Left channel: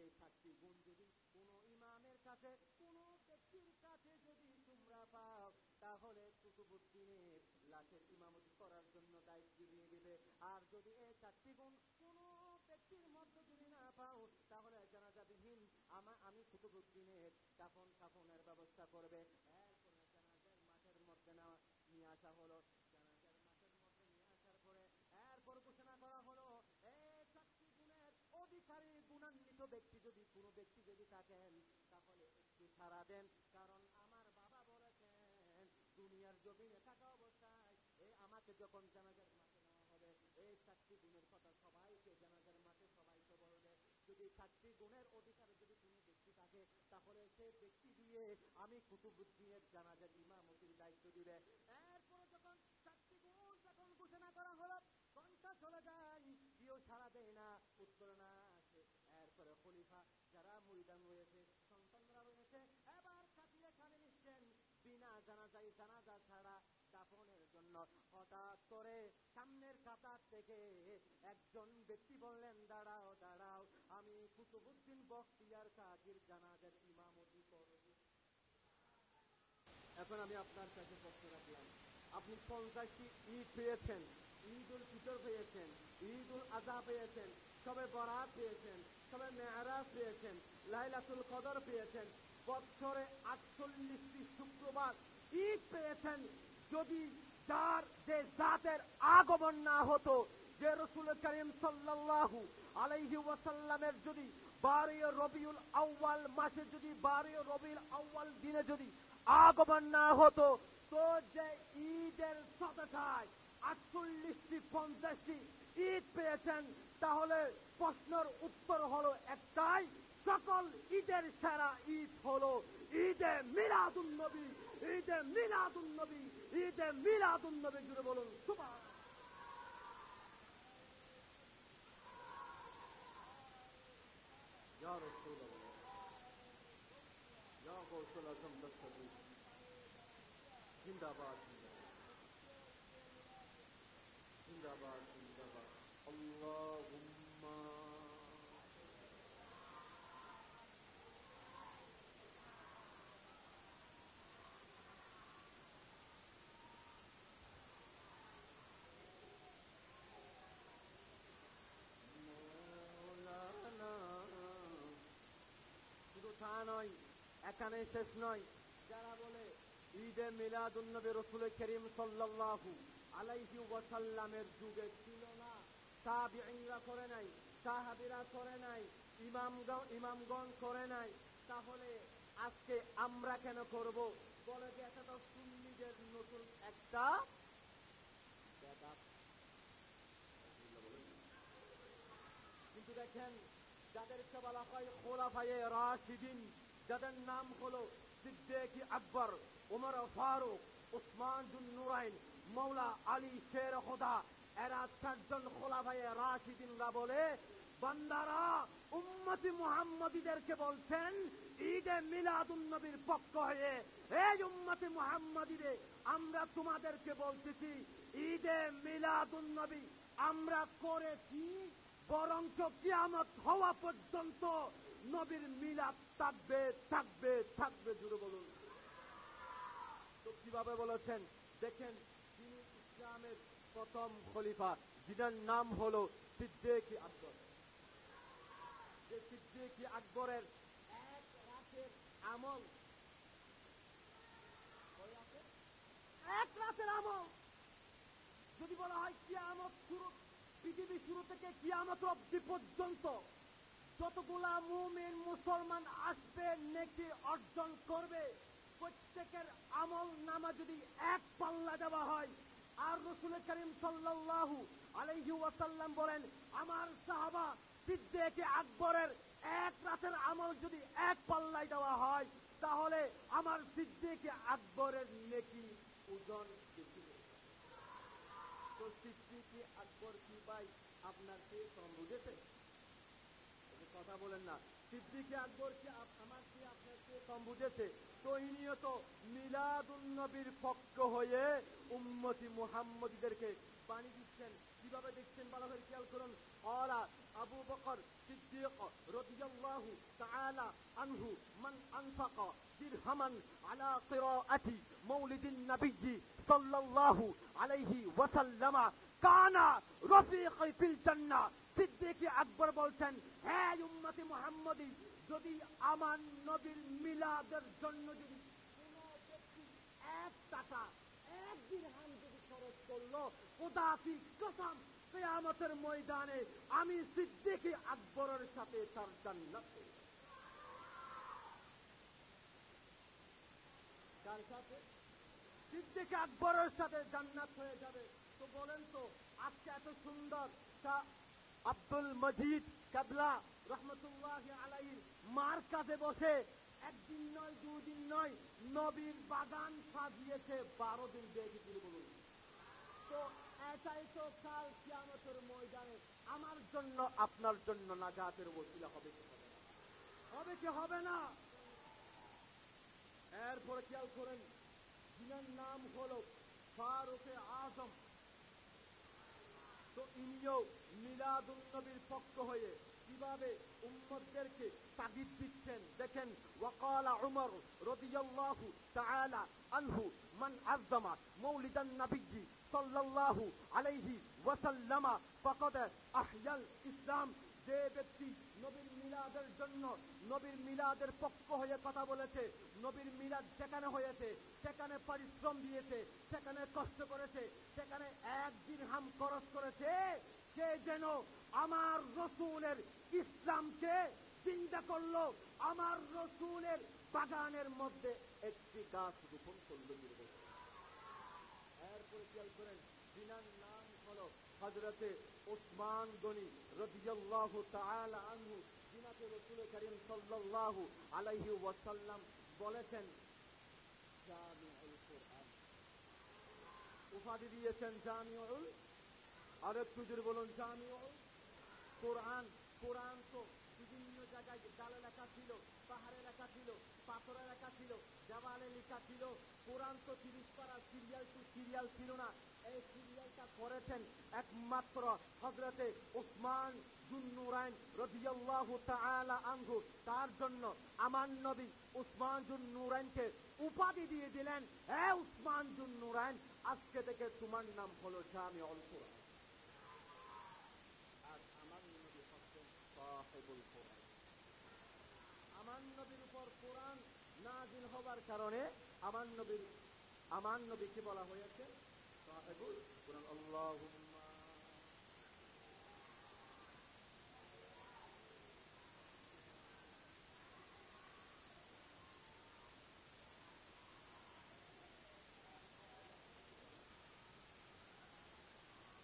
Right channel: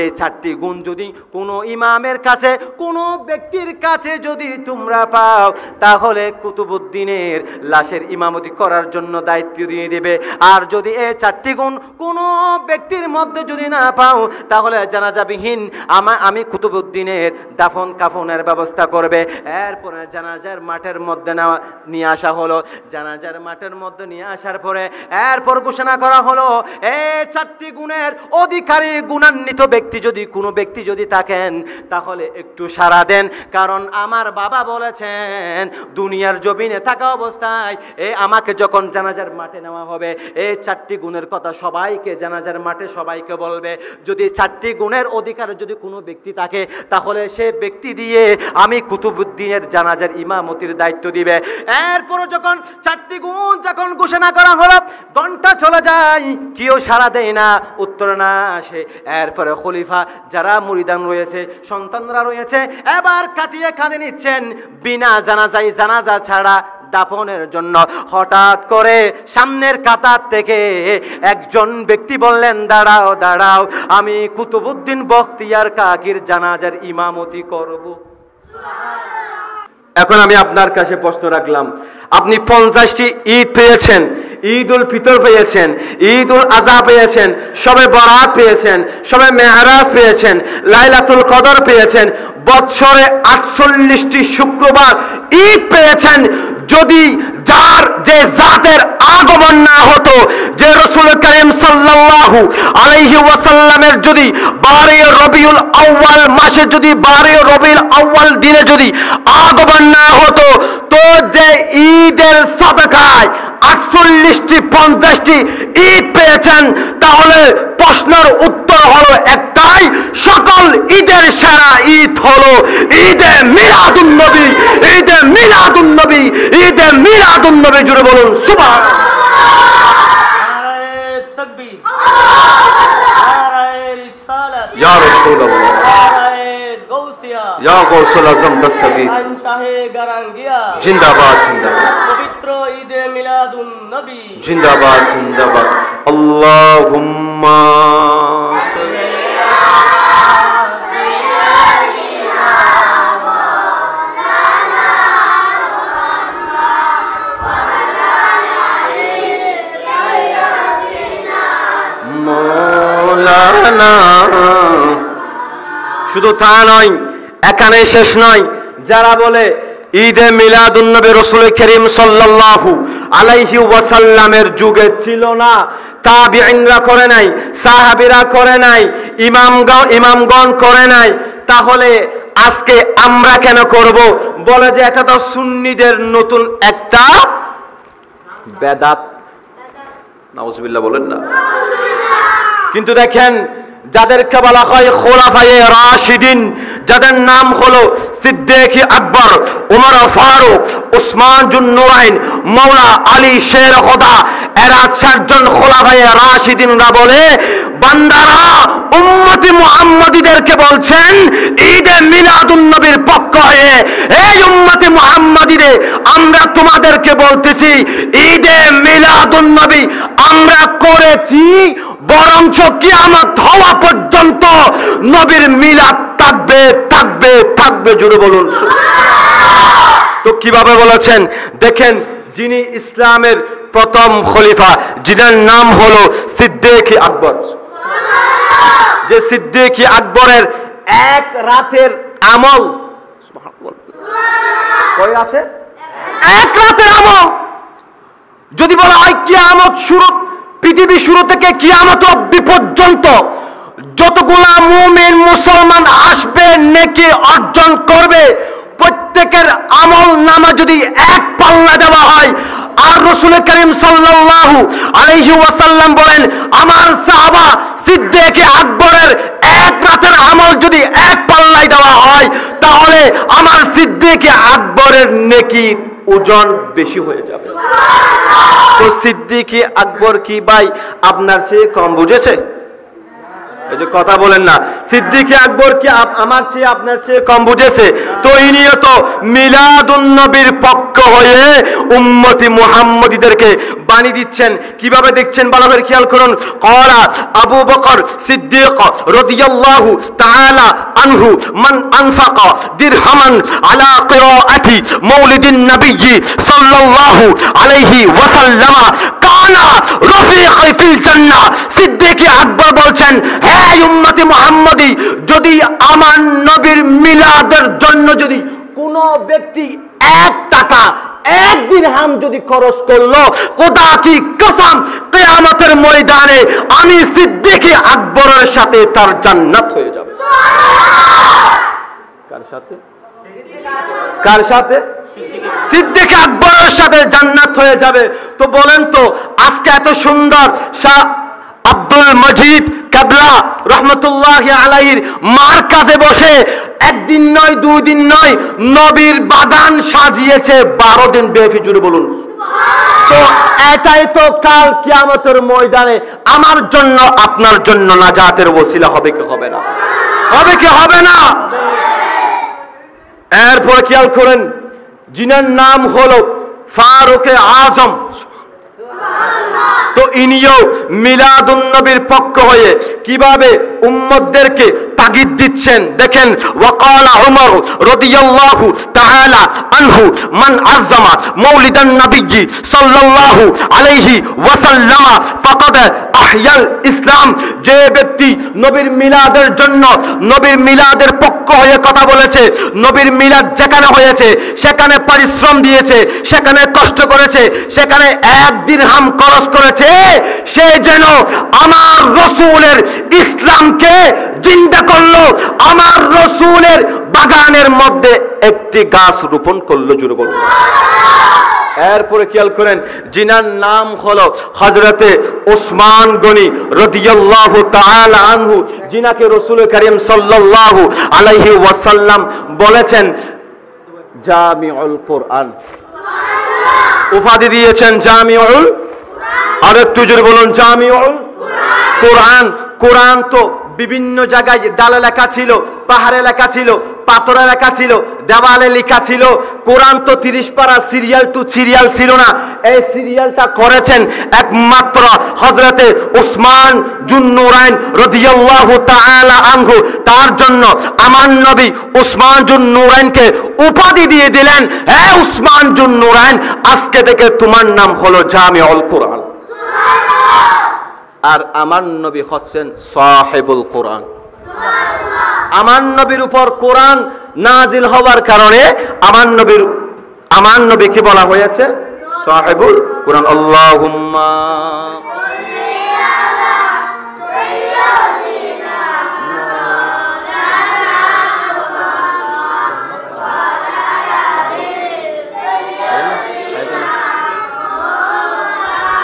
এই 4টি গুণ যদি কোনো ইমামের কাছে, কোনো ব্যক্তির কাছে যদি তোমরা পাও, তাহলে কুতুবউদ্দিনের লাশের ইমামতি করার জন্য দায়িত্ব দিয়ে দেবে। আর যদি এই 4টি গুণ কোনো ব্যক্তির মধ্যে যদি না পাও, তাহলে জানাজাবিহীন আমি কুতুবউদ্দিনের দাফন কাফনের ব্যবস্থা করবে। এরপরে জানাজার মাঠের মধ্যে নিয়ে আসা হলো। জানাজার মাঠের মধ্যে নিয়ে আসার পরে এরপর ঘোষণা করা হলো, এই 4টি গুণের অধিকারী গুণান্বিত ব্যক্তি যদি কোনো ব্যক্তি যদি থাকেন, তাহলে একটু সাড়া দেন। কারণ আমার বাবা বলেছেন, দুনিয়ার জমিনে থাকা অবস্থায় আমাকে যখন জানাজার মাঠে নেওয়া হবে, এই 4টি গুণের কথা সবাইকে জানাজার মাঠে সবাইকে বলবে। যদি 4টি গুণের অধিকার যদি কোনো ব্যক্তি থাকে, তাহলে সে ব্যক্তি দিয়ে আমি কুতুবউদ্দিনের জানাজার ইমামতির দায়িত্ব দিবে। এরপরে যখন 4টি গুণ যখন ঘোষণা করা হলো, ঘন্টা চলে যায়, কেউ সাড়া দেয় না, উত্তর না আসে। এরপরে খলিফা যারা মুরিদান রয়েছে, সন্তানরা রয়েছে, এবার কাটিয়ে কাঁধে নিচ্ছেন বিনা জানাজায়, জানাজা ছাড়া দাফনের জন্য। হঠাৎ করে সামনের কাতার থেকে একজন ব্যক্তি বললেন, দাঁড়াও দাঁড়াও, আমি কুতুবউদ্দিন বখতিয়ার কাকির জানাজার ইমামতি করব। এখন আমি আপনার কাছে প্রশ্ন রাখলাম, আপনি 50টি ঈদ পেয়েছেন, ঈদ উল ফিতর পেয়েছেন, ঈদ উল আজহা পেয়েছেন, শবে বরাত পেয়েছেন, শবে মেহরাজ পেয়েছেন, লাইলাতুল কদর পেয়েছেন, বছরে 48টি শুক্রবার ঈদ পেয়েছেন। যদি যার যে জাতের আগমন না হতো, যে রাসূল করিম সাল্লাল্লাহু আলাইহি ওয়াসাল্লামের যদি 12 রবিউল আউয়াল মাসে, যদি 12 রবিউল আউয়াল দিনে যদি আগমন না হতো, তো যে ঈদের সাদাকায় 48টি 50টি ঈদ পেয়েছেন, তাহলে প্রশ্নের উত্তর হলো একটাই, সকল ঈদের সেরা ঈদ হলো ঈদে মিলাদুন নবী। ঈদে মিলাদুন নবী, ঈদে মিলাদুন নবী, জুড়ে বলুন সুবহানাল্লাহ। নারায়ে তাকবীর, নারায়ে রিসালাত, ইয়া রাসূলুল্লাহ, নারায়ে গাউসিয়া, ইয়া গাউসুল আজম দস্তগীর, শাহে গারাঙ্গিয়া, জিন্দাবাদ জিন্দাবাদ, পবিত্র ঈদে মিলাদুন নবী, জিন্দাবাদ জিন্দাবাদ। আল্লাহুম্মা মৌলানা। শুধু তা নয়, এখানে শেষ নয়। যারা বলে ঈদে মিলাদুন নবী রাসূল করিম সাল্লাল্লাহু আলাইহি ওয়াসাল্লামের যুগে ছিল না, তাবিঈনরা করে নাই, সাহাবীরা করে নাই, ইমামগণ করে নাই, তাহলে আজকে আমরা কেন করব? বলে যে এটা তো সুন্নিদের নতুন একটা বেদাত। নাউজুবিল্লাহ বলেন না। কিন্তু দেখেন, যাদেরকে বলা হয় খোলাফায়ে রাশিদিন, যাদের নাম হলো সিদ্দিক আকবর, উমর ফারুক, উসমান জুন নুরাইন, মাওলা আলী শের খোদা, এরা 4জন খোলাফায়ে রাশিদিনরা বলে, বান্দারা উম্মতি মুহাম্মাদীদেরকে বলছেন ঈদে মিলাদুন নবীর পক্ষ হয়ে, এই উম্মতি মুহাম্মাদীরে আমরা তোমাদেরকে বলতেছি, ঈদে মিলাদুন নবী আমরা করেছি, বরঞ্চ কিয়ামত হওয়া পর্যন্ত নবীর মিলাদ থাকবে থাকবে থাকবে, জুড়ে বলুন। তো কিভাবে বলেছেন দেখেন, যিনি ইসলামের প্রথম খলিফা, যিনার নাম হলো সিদ্দিক আকবর, যে সিদ্দিক আকবরের এক রাতের আমল, কয় রাতে? এক রাতের আমল। যদি বলা হয় কিয়ামত শুরু, পৃথিবী শুরু থেকে কিয়ামত অবধি পর্যন্ত যতগুলা মুমিন মুসলমান আসবে, নেকি অর্জন করবে, প্রত্যেকের আমল নামা যদি এক পাল্লা দেওয়া হয়, আর রাসূল করিম সাল্লাল্লাহু আলাইহি ওয়াসাল্লাম বলেন, আমার সাহাবা সিদ্দিক আকবরের এক রাতের আমল যদি এক পাল্লায় দেওয়া হয়, তাহলে আমার সিদ্দিক আকবরের নেকি ওজন বেশি হয়ে যাবে। তো সিদ্দিক আকবর কি ভাই আপনার চেয়ে কম বুঝেছে? এই যে কথা বলেন না, সিদ্দিকে আকবর কি আমার চেয়ে আপনার চেয়ে কম বুঝেছে? তো ইনিও তো মিলাদুন নবীর পক্ষ হয়ে উম্মতি মুহাম্মদীদেরকে বাণী দিচ্ছেন। কিভাবে দেখছেন ভালো করে খেয়াল করুন। ক্বালা আবু বকর সিদ্দিক রাদিয়াল্লাহু তাআলা আনহু মান আনফাকা দিরহামান আলা কিরাআতি মাউলিদিন নবী সাল্লাল্লাহু আলাইহি ওয়াসাল্লাম কানা রফিকি ফিল জান্নাহ। সিদ্দিক আকবর বলছেন, হে উম্মতি মুহাম্মদী, যদি আমার নবীর মিলাদের জন্য যদি কোনো ব্যক্তি 1 টাকা 1 দিরহাম যদি খরচ করলো, খোদা কি কসম কিয়ামতের ময়দানে আমি সিদ্দিক আকবরের সাথে তার জান্নাত হয়ে যাবে। কার সাথে? কার সাথে? সিদ্দিক আকবরের সাথে জান্নাত হয়ে যাবে। তো বলেন তো, আজকে এত সুন্দর শাহ আব্দুল মজিদ কাবলা রহমতুল্লাহি আলাইহির মারকাজে বসে একদিন নয় 2 দিন নয় নবীর বাগান সাজিয়েছে 12 দিন ব্যাপী। জুড়ে বলুন তো এটাই তো কাল কিয়ামতের ময়দানে আমার জন্য আপনার জন্য নাজাতের ওসিলা হবে কি হবে না? হবে কি হবে না? এরপর খেয়াল করেন, যিনার নাম হলো ফারুকে আজম, তো ইনিও মিলাদুন নবীর পক্ষ হয়ে কিভাবে উম্মতদেরকে তাগিদ দিচ্ছেন দেখেন। ওয়াকালা উমর রাদিয়াল্লাহু তাআলা আনহু মান আযযামা মাউলিদান নবী সাল্লাল্লাহু আলাইহি ওয়াসাল্লাম ফাকাদ আহয়াল ইসলাম। যে ব্যক্তি নবীর মিলাদের জন্য নবীর মিলাদের পক্ষ হয়ে কথা বলেছে, নবীর মিলাদ যেখানে হয়েছে সেখানে পরিশ্রম দিয়েছে, সেখানে কষ্ট করেছে, সেখানে 1 দিরহাম খরচ করেছে, সে যেন আমার রাসূলের ইসলামকে জিন্দা করলো, আমার রাসূলের বাগানের মধ্যে একটি গাছ রোপণ করলো। জুড়ে বলুন। এরপরে খেয়াল করেন, যিনার নাম হলো হযরতে ওসমান গনি রাদিয়াল্লাহু তাআলা আনহু, যিনাকে রাসূল করিম সাল্লাল্লাহু আলাইহি ওয়াসাল্লাম বলেছেন জামিউল কুরআন, উপাধি দিয়েছেন জামিউল। আর একটু জোরে বলুন জামিউল কুরআন। কোরআন তো বিভিন্ন জায়গায় ডালে লেখা ছিল, পাহাড়ে লেখা ছিল, পাথরে লেখা ছিল, দেওয়ালে লেখা ছিল। কোরআন তো 30 পারা সিরিয়াল টু সিরিয়াল ছিল না। এই সিরিয়ালটা করেছেন একমাত্র হযরতে ওসমান জুন্নুরাইন রাদিয়াল্লাহু তাআলা আনহু। তার জন্য আমার নবী ওসমান জুন্নুরাইনকে উপাধি দিয়ে দিলেন, হে ওসমান জুন্নুরাইন, আজকে থেকে তোমার নাম হলো জামিউল কুরআন। আর আমার নবী হচ্ছেন সাহিবুল কোরআন। আমার নবীর উপর কোরআন নাজিল হওয়ার কারণে আমার নবীকে বলা হয়েছে সাহিবুল কোরআন। আল্লাহুম্মা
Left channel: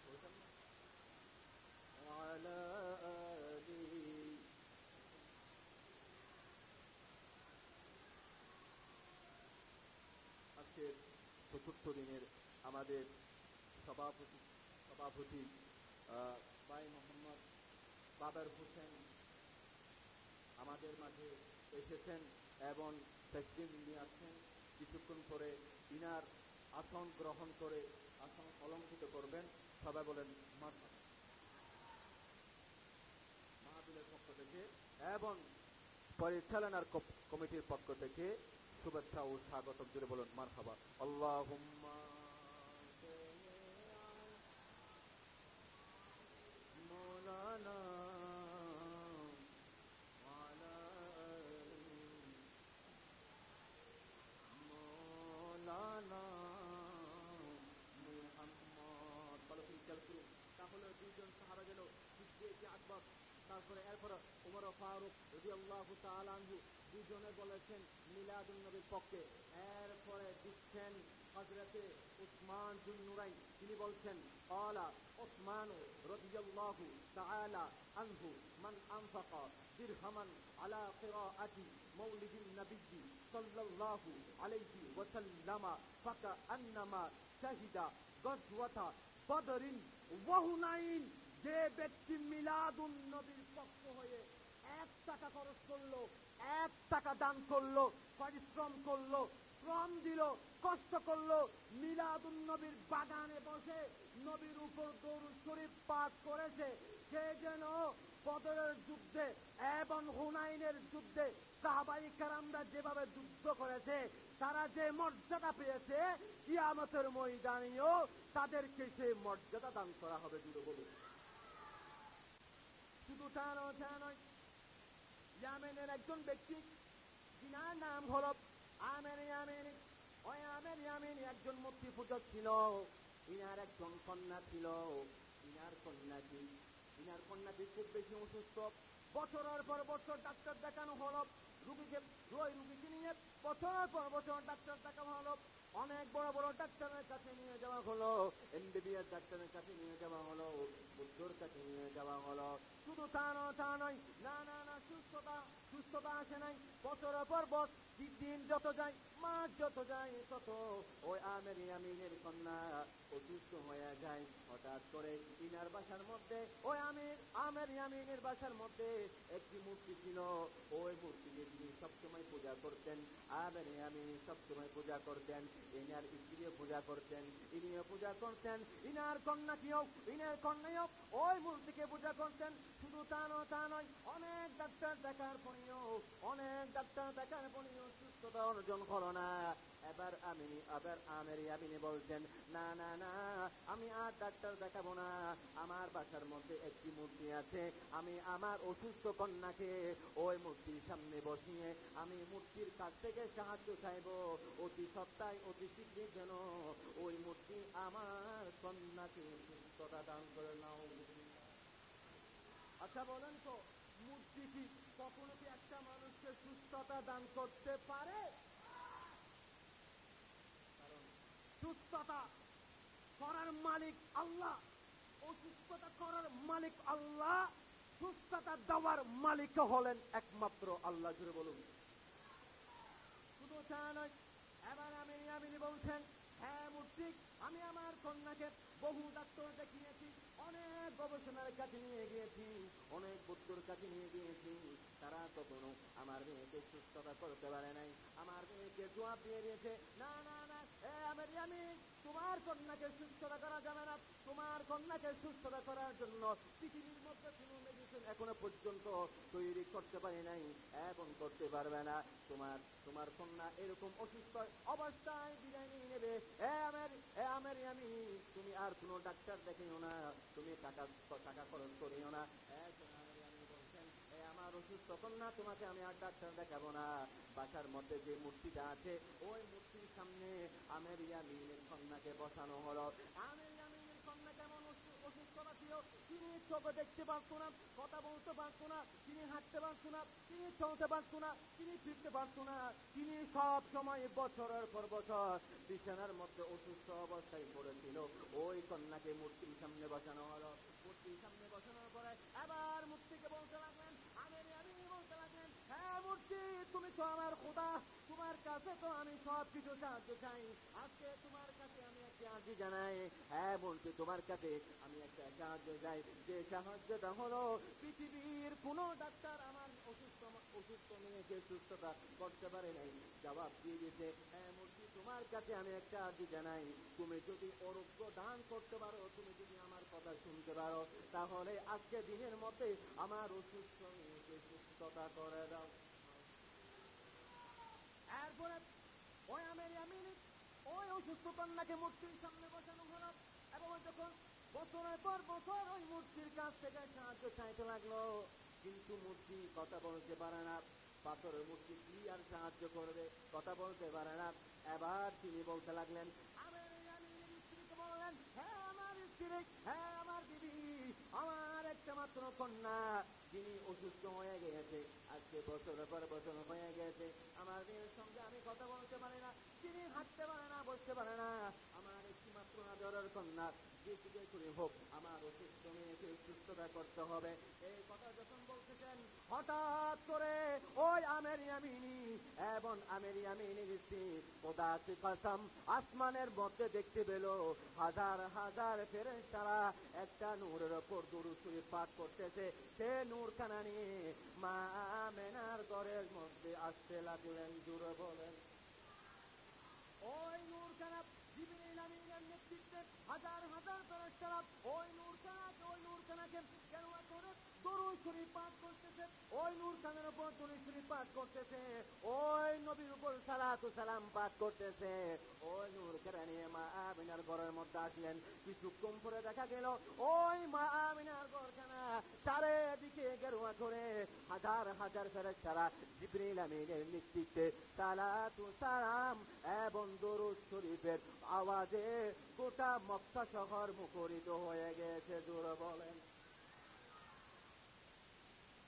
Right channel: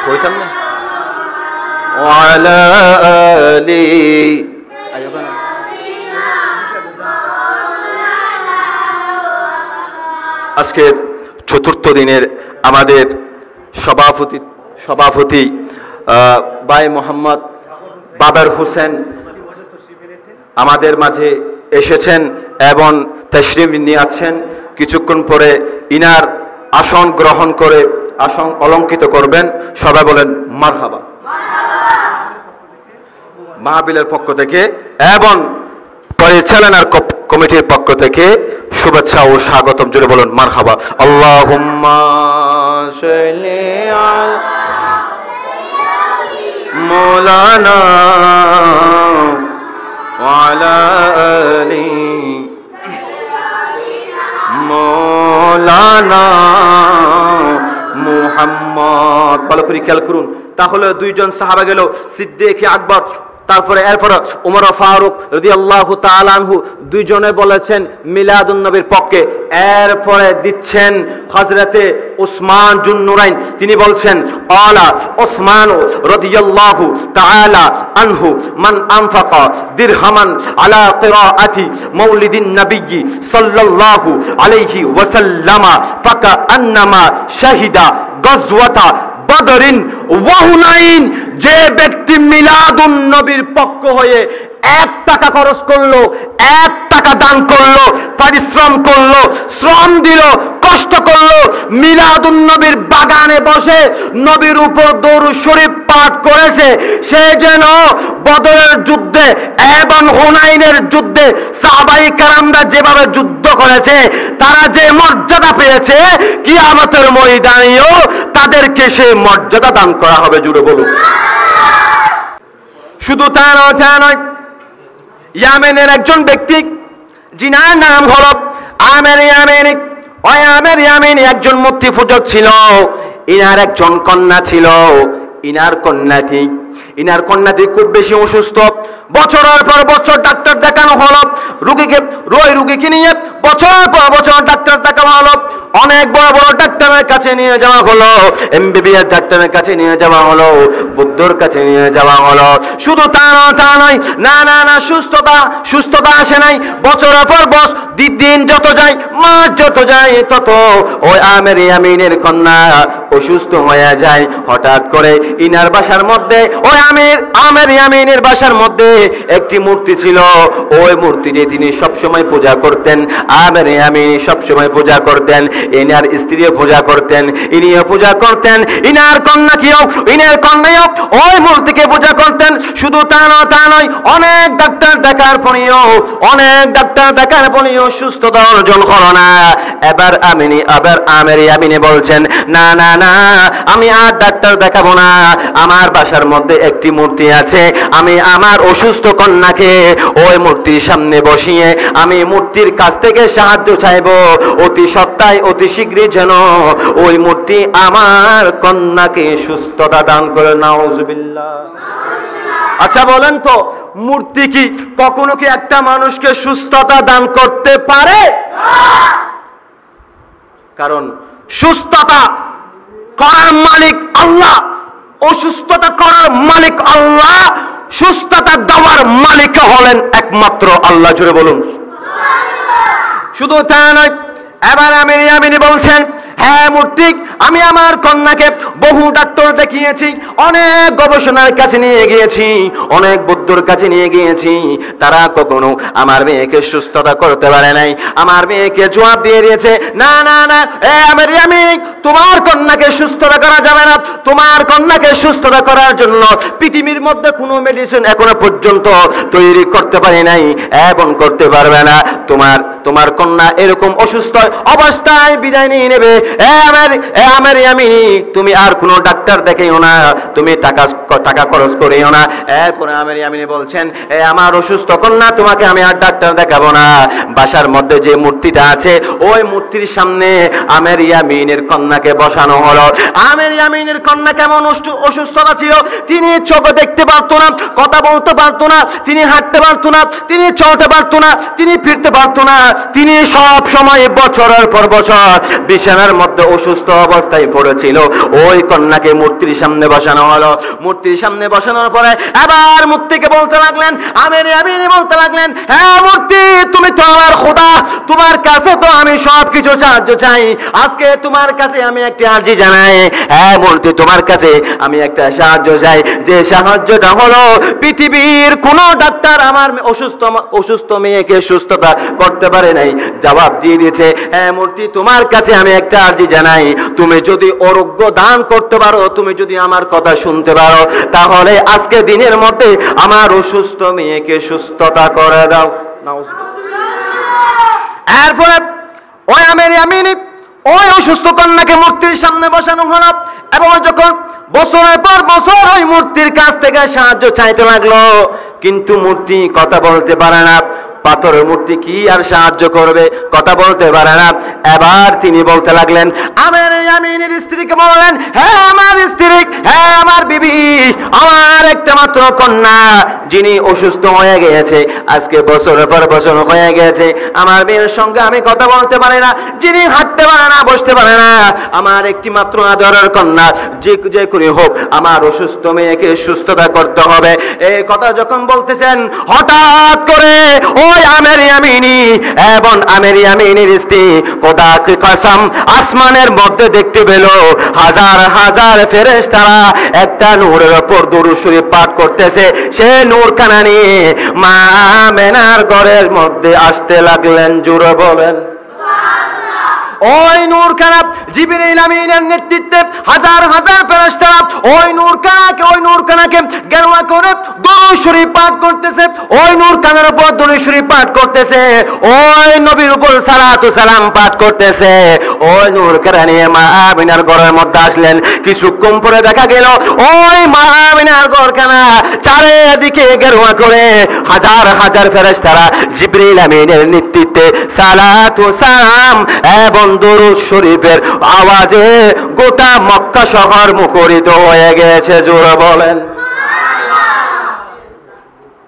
কইতাম না ওয়ালা আলি। আজকের 4র্থ দিনের আমাদের সভাপতি ভাই মোহাম্মদ বাবর হোসেন আমাদের মাঝে এসেছেন এবং তাশরিফ নিয়ে আছেন। কিছুক্ষণ পরে ইনার আসন গ্রহণ করে আসন অলঙ্কৃত করবেন। সবাই বলেন মারহাবা। মাহফিলের পক্ষ থেকে এবং পরিচালনার কমিটির পক্ষ থেকে শুভেচ্ছা ও স্বাগতম। জুড়ে বলুন মারহাবা। আল্লাহুম্মা সাল্লি আলা মাওলানা ওয়া আলা আলি মাওলানা মুহাম্মদ। ভালো করে খেয়াল করুন। তাহলে 2 জন সাহাবা গেল, সিদ্দিক আকবর, তারপরে এরপর উমর ফারুক রাদিয়াল্লাহু তাআলা আনহু, 2 জনে বলেছেন মিলাদুন নবীর পক্ষে। এরপরে দিচ্ছেন হযরতে ওসমান জুন্নুরাইন, তিনি বলছেন আলা ওসমান রাদিয়াল্লাহু তাআলা আনহু মান আনফাকা দিরহামান আলা কিরাআতি মাউলিদিন নবী সাল্লাল্লাহু আলাইহি ওয়াসাল্লাম ফাকা আন্নামা শাহিদা গাজওয়াতা বদরিন ওয়া হুনাইন, যে ব্যক্তি মিলাদুন নবীর পক্ষ হয়ে 1 টাকা খরচ করলো, 1 টাকা দান করলো, পরিশ্রম করলো, শ্রম দিল, কষ্ট করলো, মিলাদুন নবীর বাগানে বসে নবীর উপর দরুদ শরীফ পাঠ করেছে, সে যেন বদরের যুদ্ধে এবং হুনাইনের যুদ্ধে সাহাবায়ে কেরামরা যেভাবে যুদ্ধ করেছে, তারা যে মর্যাদা পেয়েছে, কিয়ামতের ময়দানেও তাদেরকে সে মর্যাদা দান করা হবে। জুড়ে বলুন। শুধু তা নয়, ইয়ামেনের একজন ব্যক্তি যিনার নাম হলো আমের ইয়ামেনি, ওই আমের ইয়ামেনি একজন মূর্তি পূজক ছিল। ইনার একজন কন্যা ছিল। ইনার কন্যাটি খুব বেশি অসুস্থ। বছরের পর বছর ডাক্তার দেখানো হলো, রোগীকে নিয়ে বছরের পর বছর ডাক্তার দেখানো হলো, অনেক বড় বড় ডাক্তারের কাছে নিয়ে যাওয়া হলো, এমবিবিএস ডাক্তারের কাছে নিয়ে যাওয়া হলো, বুদ্ধর কাছে নিয়ে যাওয়া হলো। শুধু তা নয়, না সুস্থতা আসে নাই। বছরের পর বছর, দিন যত যায়, মাস যত যায়, তত ওই আমের ইয়ামিনের কন্যা অসুস্থ হয়ে যায়। হঠাৎ করে ইনার বাসার মধ্যে, ওই আমের ইয়ামিনের বাসার মধ্যে একটি মূর্তি ছিল। ওই মূর্তিটি তিনি সবসময় পূজা করতেন। আমের ইয়ামিনী সবসময় পূজা করতেন, ইনার স্ত্রীও পূজা করতেন, ইনিও পূজা করতেন, ইনার কন্যাকেও, ইনার কন্যাও ওই মূর্তিকে পূজা করতেন। শুধু তা নয়, অনেক ডাক্তার দেখার পরেও সুস্থতা অর্জন হলো না। এবার আমের ইয়ামিনী বলছেন, না, আমি আর ডাক্তার দেখাবো না। আমার বাসার মধ্যে একটি মূর্তি আছে, আমি আমার অসুস্থ কন্যাকে ওই মূর্তির সামনে বসিয়ে আমি মূর্তির কাছ থেকে সাহায্য চাইবো, অতি সত্তায় অতি শীঘ্রই যেন ওই মূর্তি আমার কন্যাকে সুস্থতা দান করে। নাউজুবিল্লাহ। আচ্ছা বলেন তো, মূর্তি কি কখনো কি একটা মানুষকে সুস্থতা দান করতে পারে? কারণ সুস্থতা করার মালিক আল্লাহ, অসুস্থতা করার মালিক আল্লাহ, সুস্থতা দেওয়ার মালিক হলেন একমাত্র আল্লাহ। জুড়ে বলুন। শুধু তা নয়, এবার আমির ইয়ামিনী বলছেন, হ্যাঁ মূর্তি, আমি আমার কন্যাকে বহু ডাক্তার দেখিয়েছি, অনেক গবেষণার কাছে নিয়ে গিয়েছি, অনেক বুদ্ধর কাছে নিয়ে গিয়েছি, তারা কখনো আমার মেয়েকে সুস্থতা করতে পারে নাই। আমার মেয়েকে জবাব দিয়ে দিয়েছে, না, আমির ইয়ামিনী, তোমার কন্যাকে সুস্থতা করা যাবে না। তোমার কন্যাকে সুস্থতা করার জন্য পৃথিবীর মধ্যে কোনো মেডিসিন এখনো পর্যন্ত তৈরি করতে পারি নাই এবং করতে পারবে না। তোমার কন্যা এরকম অসুস্থ অবস্থায় বিদায় নিয়ে নেবে। আমের ইয়ামিনী, তুমি আর কোনো ডাক্তার দেখাইও না, তুমি টাকা খরচ করিও না। এরপরে আমের ইয়ামিনী বলছেন, আমার অসুস্থ কন্যা, তোমাকে আমি আর ডাক্তার দেখাবো না। বাসার মধ্যে যে মূর্তিটা আছে, ওই মূর্তির সামনে আমের ইয়ামিনের কন্যাকে বসানো হলো। আমের ইয়ামিনের কন্যা কেমন অসুস্থতা ছিল, তিনি চোখে দেখতে পারতো না, কথা বলতে পারতো না, তিনি হাঁটতে পারতো না, তিনি চলতে পারতো না, তিনি ফিরতে পারতো না। তিনি সব সময় বছরের পর বছর বিছানার মধ্যে অসুস্থ অবস্থায় পড়েছিল। ওই কন্যাকে মূর্তির সামনে বসানো হলো। মূর্তির সামনে বসানোর পরে এবার মূর্তিকে বলতে লাগলেন, আমির ইয়ামিনী বলতে লাগলেন, হ্যাঁ মূর্তি, তুমি তো আমার খোদা, তোমার কাছে তো আমি সবকিছু সাহায্য চাই। আজকে তোমার কাছে আমি একটা আর্জি জানাই, হ্যাঁ মূর্তি, তোমার কাছে আমি একটা সাহায্য চাই। যে সাহায্যটা হলো, পৃথিবীর কোন ডাক্তার আমার অসুস্থ মেয়েকে সুস্থতা করতে পারে নাই। জবাব দিয়ে দিয়েছে, হ্যাঁ মূর্তি, তোমার কাছে আমি একটা আর্জি জানাই, তুমি যদি আরোগ্য দান করতে পারো, তুমি যদি আমার কথা শুনতে পারো, তাহলে আজকে দিনের মধ্যে আমার অসুস্থ মেয়েকে সুস্থতা করে দাও। এরপরে ওই আমির ইয়ামিনী ওই অসুস্থ কন্যাকে মূর্তির সামনে বসানো হলো এবং যখন বছরের পর বছর ওই মূর্তির কাছ থেকে সাহায্য চাইতে লাগলো, কিন্তু মূর্তি কথা বলতে পারে না। পাথরের মূর্তি কি আর সাহায্য করবে, কথা বলতে পারে না। এবার তিনি বলতে লাগলেন, আমির ইয়ামিনের স্ত্রীকে বললেন, হ্যাঁ আমার স্ত্রী, হ্যাঁ আমার বিবি, আমার একটা মাত্র কন্যা যিনি অসুস্থ হয়ে গিয়েছে, আজকে বছরের পর বছর হয়ে গেছে, আমার মেয়ের সঙ্গে আমি কথা বলতে পারি না, যিনি হাঁটতে পারে না, বসতে পারে না, আমার একটি মাত্র আদরের কন্যা, যে করে হোক আমার অসুস্থ মেয়েকে সুস্থতা করতে হবে। এই কথা যখন বলতেছেন, হঠাৎ করে ওই আমের ইয়ামিনী এবং আমের ইয়ামিনীর স্ত্রী খোদা কি কসম আসমানের মধ্যে দেখতে পেল হাজার হাজার ফেরেশতারা একটা নূরের উপর দুরূদ শরীফ পাঠ করতেছে। সে নূর কানা নিয়ে মা আমেনার ঘরের মধ্যে আসতে লাগলেন। জোরে বলেন ওই নূর কানা জিবরিল আমিনের নেতৃত্বে হাজার হাজার ফেরেশতারা ওই নূর কানাকে গেরুয়া করে দুরূদ শরীফ পাঠ করতেছে। ওই নূর কানার উপর দুরূদ শরীফ পাঠ করতেছে, ওই নবীর উপর সালাতু সালাম পাঠ করতেছে। ওই নূর কানা নিয়ে মা আমিনার ঘরের মধ্যে আসলেন। কিছুক্ষণ পরে দেখা গেল ওই মা আমিনার ঘরখানা চারিদিকে গেরুয়া করে হাজার হাজার ফেরেশতারা জিবরিল আমিনের নেতৃত্বে সালাতু সালাম এবং দুরূদ শরীফের আওয়াজে গোটা মক্কা শহর মুখরিত হয়ে গেছে। জোরে বলেন।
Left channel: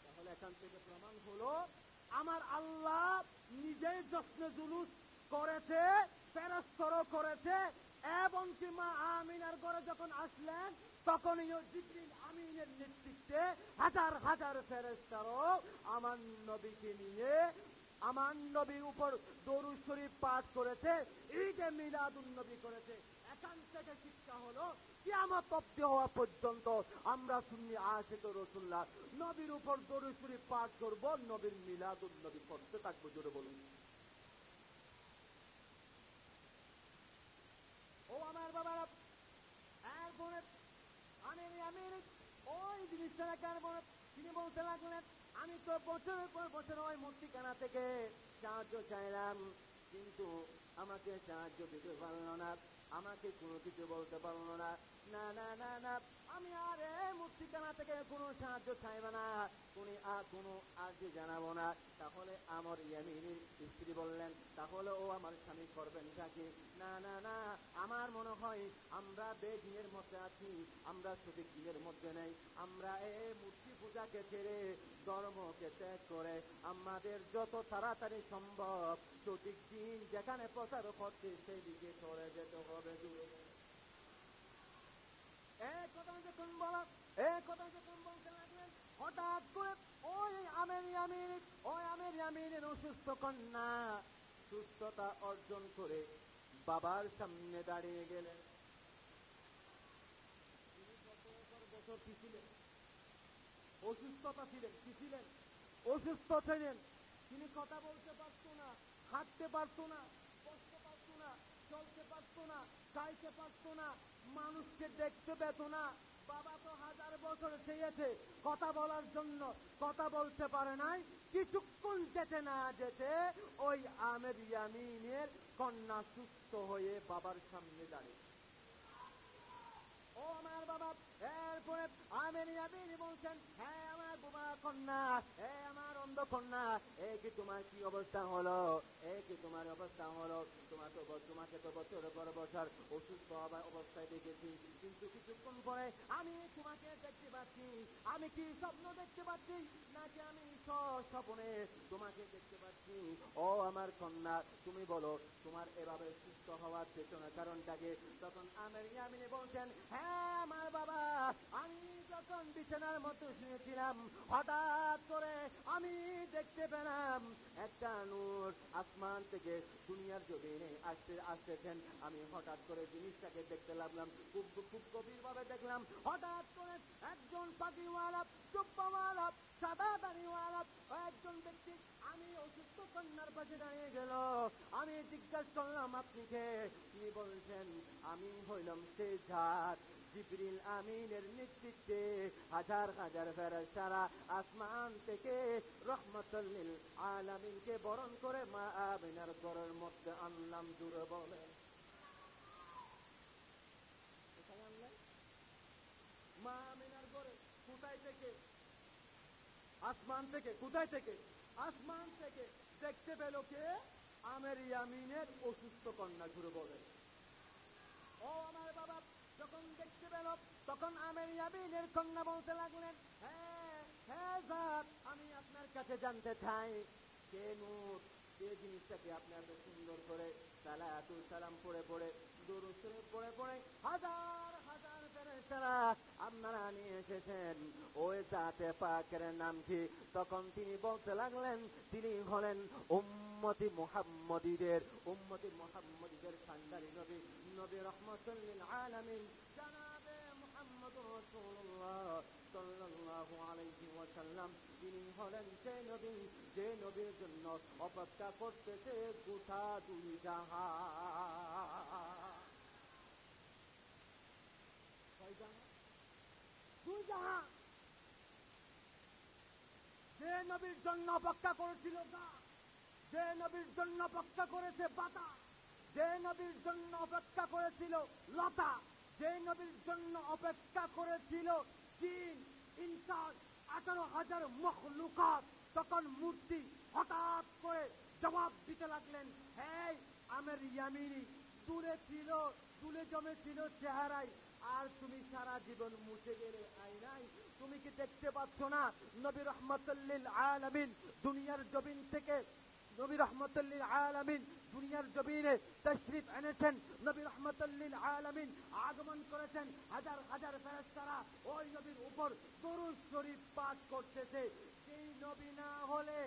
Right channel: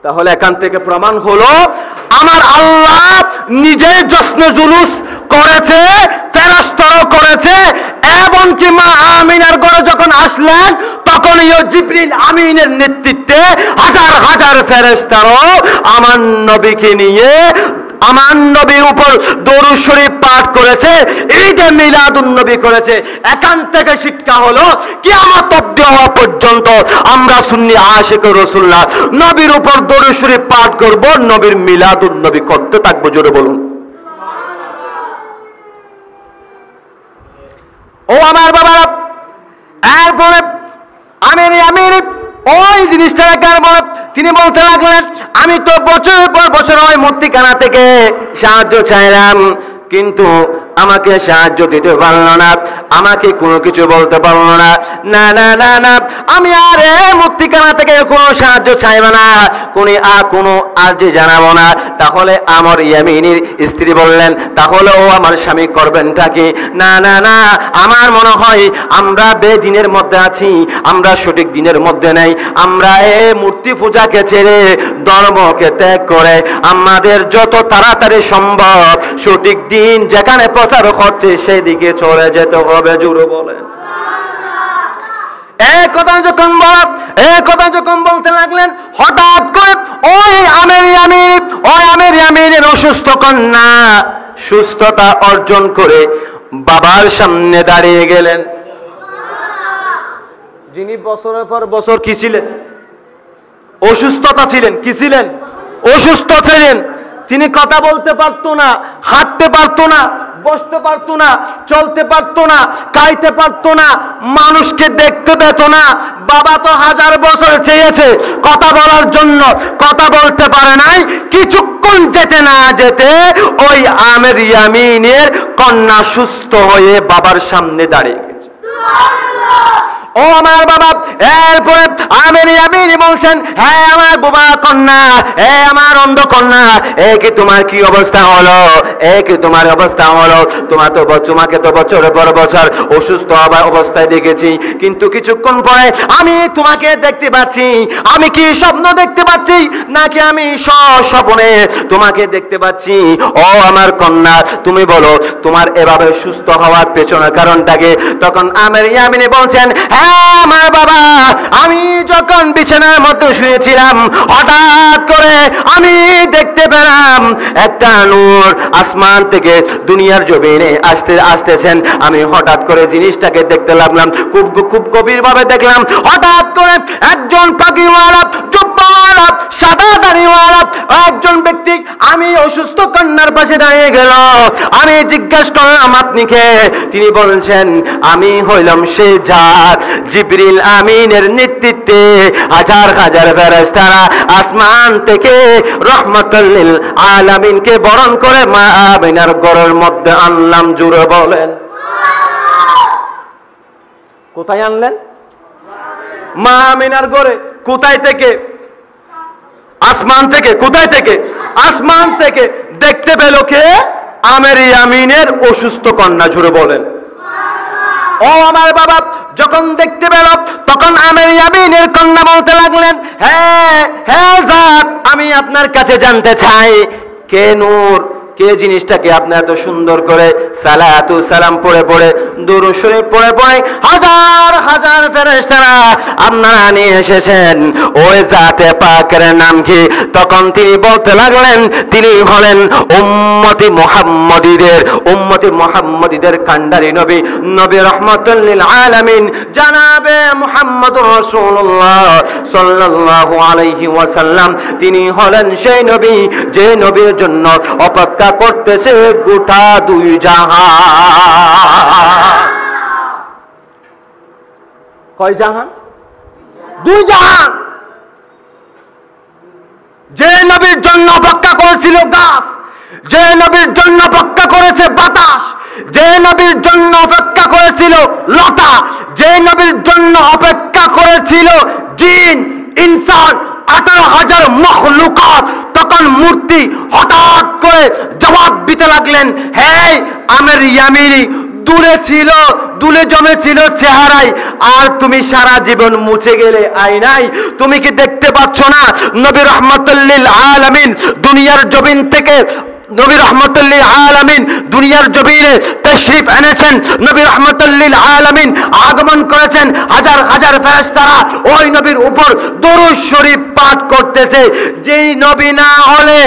তাহলে এখান থেকে প্রমাণ হলো আমার আল্লাহ নিজে জশ্নে জুলুস করেছে, ফেরেশতারাও করেছে, এমনকি মা আমিনার ঘরে যখন আসলেন তখন জিবরিল আমিনের নেতৃত্বে হাজার হাজার ফেরেশতারাও আমার নবীকে নিয়ে আমার নবীর উপর দরুদ শরীফ পাঠ করেছে। ঈদে মিলাদুন নবী করেছে। এখান থেকে শিক্ষা হলো কিয়ামত অবধি হওয়া পর্যন্ত আমরা সুন্নি আশিক রাসূলুল্লাহ নবীর উপর দরুদ শরীফ পাঠ করব, নবীর মিলাদুন নবী করতে থাকবো। জোরে বলুন ও আমার বাবারা। এরপরে আমির ওই জিনিসটা বলে তিনি বলতে লাগলেন আমি তো বছরের পর বছর ওই মূর্তিখানা থেকে সাহায্য চাইলাম, কিন্তু আমাকে সাহায্য দিতে পারলো না, আমাকে কোনো কিছু বলতে পারলো না। না না না না, আমি আর এই মূর্তিখানা থেকে কোনো সাহায্য চাইব না, কোনো আর্জি জানাবো না। তাহলে আমার ইয়ামিনীর স্ত্রী বললেন তাহলে ও আমার স্বামী করবেনটা কি? না না না, আমার মনে হয় আমরা বেদিনের মধ্যে আছি, আমরা সঠিক দিনের মধ্যে নেই। আমরা এই মূর্তি পূজাকে ছেড়ে ধর্মকে ত্যাগ করে আমাদের যত তাড়াতাড়ি সম্ভব সঠিক দিন যেখানে প্রচার হচ্ছে সেই দিকে চলে যেতে হবে। জোরে বলেন। এই কথা যখন বলতে লাগলেন হঠাৎ করে ওই আমের ইয়ামিনের অসুস্থ কন্যা সুস্থতা অর্জন করে বাবার সামনে দাঁড়িয়ে গেলেন, যিনি বছরের পর বছর কি ছিলেন? অসুস্থতা ছিলেন। কি ছিলেন? অসুস্থ ছিলেন। তিনি কথা বলতে পারতো না, হাঁটতে পারতো না, বসতে পারতো না, চলতে পারতো না, খাইতে পারতো না, মানুষকে দেখতে পেত না। বাবা তো হাজার বছর চেয়েছে কথা বলার জন্য, কথা বলতে পারে নাই। কিছুক্ষণ যেতে না যেতে ওই আমের ইয়ামিনের কন্যা সুস্থ হয়ে বাবার সামনে দাঁড়িয়ে গেছে। ও আমার বাবা। এরপরে আমের ইয়ামিনী বলছেন হ্যাঁ আমার বোবা কন্যা, হ্যাঁ আমার অন্ধ কন্যা, কি তোমার কি অবস্থা হলো? কি তোমার অবস্থা হলো? তোমাকে তো বছরের পর বছর অসুস্থ অবস্থায় দেখেছি, কিন্তু কিছুক্ষণ পরে আমি তোমাকে দেখতে পাচ্ছি। আমি কি স্বপ্ন দেখতে পাচ্ছি নাকি আমি স্বপ্নে তোমাকে দেখতে পাচ্ছি? ও আমার কন্যা তুমি বলো তোমার এভাবে সুস্থ হওয়ার পেছনের কারণটাকে? তখন আমের ইয়ামিনী বলছেন হ্যাঁ আমার বাবা, আমি যখন বিছানার মধ্যে শুয়েছিলাম হঠাৎ করে আমি দেখতে পেলাম একটা নূর আসমান থেকে দুনিয়ার জমিনে আসতেছেন। আমি হঠাৎ করে জিনিসটাকে দেখতে লাগলাম, খুব গভীর ভাবে দেখলাম। হঠাৎ করে একজন পাখিওয়ালা, জুব্বাওয়ালা, সাদা দাড়িওয়ালা একজন ব্যক্তি আমি অসুস্থ কন্যার পাশে দাঁড়িয়ে গেল। আমি জিজ্ঞাসা করলাম আপনি কে? তিনি বলছেন আমি হইলাম সে যার জিবরিল আমিনের নেতৃত্বে হাজার হাজার ফেরেশতারা আসমান থেকে রহমাতুল লিল আলামিনকে বরণ করে মা আমিনার ঘরের মধ্যে আনলাম। জোরে বলেন কোথায় আনলেন? মা আমিনার ঘরে। কোথায় থেকে? আসমান থেকে। কোথায় থেকে? আসমান থেকে। দেখতে পেল কে? আমের ইয়ামিনের অসুস্থ কন্যা। জোরে বলেন ও আমার বাবা। যখন দেখতে পেল তখন আমের ইয়ামিনের কন্যা বলতে লাগলেন হ্যাঁ হ্যাঁ জাত, আমি আপনার কাছে জানতে চাই কে নূর, কে জিনিসটাকে আপনি এত সুন্দর করে সালাতু সালাম পড়ে পড়ে দুরূদ শরীফ পড়ে পড়ে হাজার হাজার ফেরেশতারা আপনারা নিয়ে এসেছেন, ওই জাতে পাকের নাম কি? তখন তিনি বলতে লাগলেন তিনি হলেন উম্মতি মুহাম্মদীদের কান্ডারি নবী, নবী রাহমাতুল লিল আলামিন জানাবে মুহাম্মদুর রাসূলুল্লাহ সাল্লাল্লাহু আলাইহি ওয়াসাল্লাম। তিনি হলেন সেই নবী যে নবীর জন্য অপেক্ষা করতেছে গোটা দুই জাহান। কয় জাহান? দুই জাহান। যে নবীর জন্য অপেক্ষা করেছিল গাছ, যে নবীর জন্য অপেক্ষা করেছে বাতাস, যে নবীর জন্য অপেক্ষা করেছিল লতা, যে নবীর জন্য অপেক্ষা করেছিল জিন ইনসান 18,000 মখলুকাত, তখন মূর্তি হঠাৎ করে জবাব দিতে লাগলেন, হে আমের ইয়ামিনী, দূরে ছিল, দুলে জমেছিল চেহারায়, আর তুমি সারা জীবন মুছে গেলে আয়নায়। তুমি কি দেখতে পাচ্ছ না নবী রাহমাতুল লিল আলামিন দুনিয়ার জমিন থেকে, নবী রাহমাতুল লিল আলামিন দুনিয়ার জমিনে তাশরীফ এনেছেন, নবী রাহমাতুল লিল আলামিন আগমন করেছেন, হাজার হাজার ফেরেশতারা ওই নবীর উপর দরুদ শরীফ পাঠ করতেছে। যেই নবী না হলে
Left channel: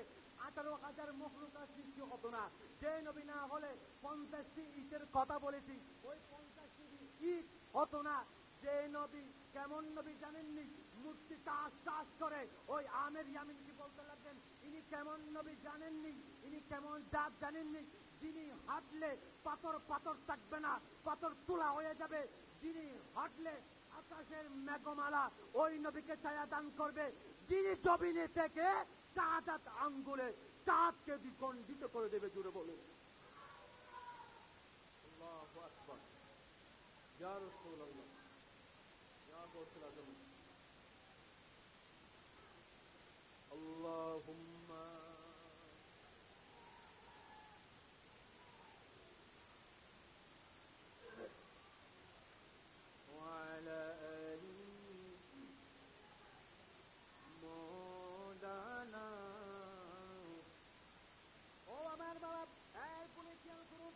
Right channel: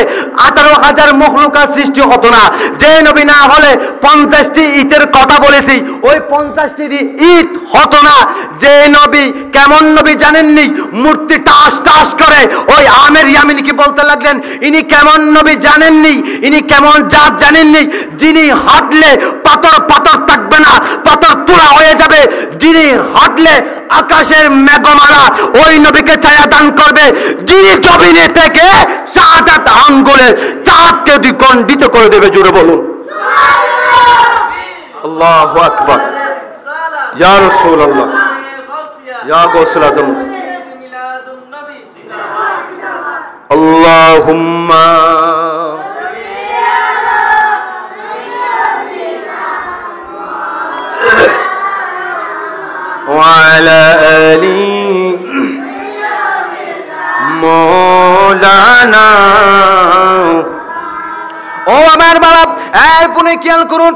18,000 মখলুকাত সৃষ্টি হতো না, যে নবী না হলে 50টি ইটের কথা বলেছি, ওই 50টি ইট হতো না। যে নবী, কেমন নবী জানেননি? মূর্তি টাস টাস করে ওই আমের ইয়ামিনকে বলতে লাগলেন, ইনি কেমন নবী জানেননি? ইনি কেমন জাত জানেননি? যিনি হাঁটলে পাথর পাথর থাকবে না, পাথর তোলা হয়ে যাবে। যিনি হাঁটলে আকাশের মেঘমালা ওই নবীকে ছায়া দান করবে। যিনি জমিনে থেকে শাহাদাত আঙ্গুলে চাঁদকে দ্বিখণ্ডিত করে দেবে। জোরে বলুন আল্লাহু আকবার। ইয়া রাসূলুল্লাহ, ইয়া গাউসুল আজম, আল্লাহুম্মা وعلى آل مولانا। ও আমার বাবা, এরপরে খেয়াল করুন,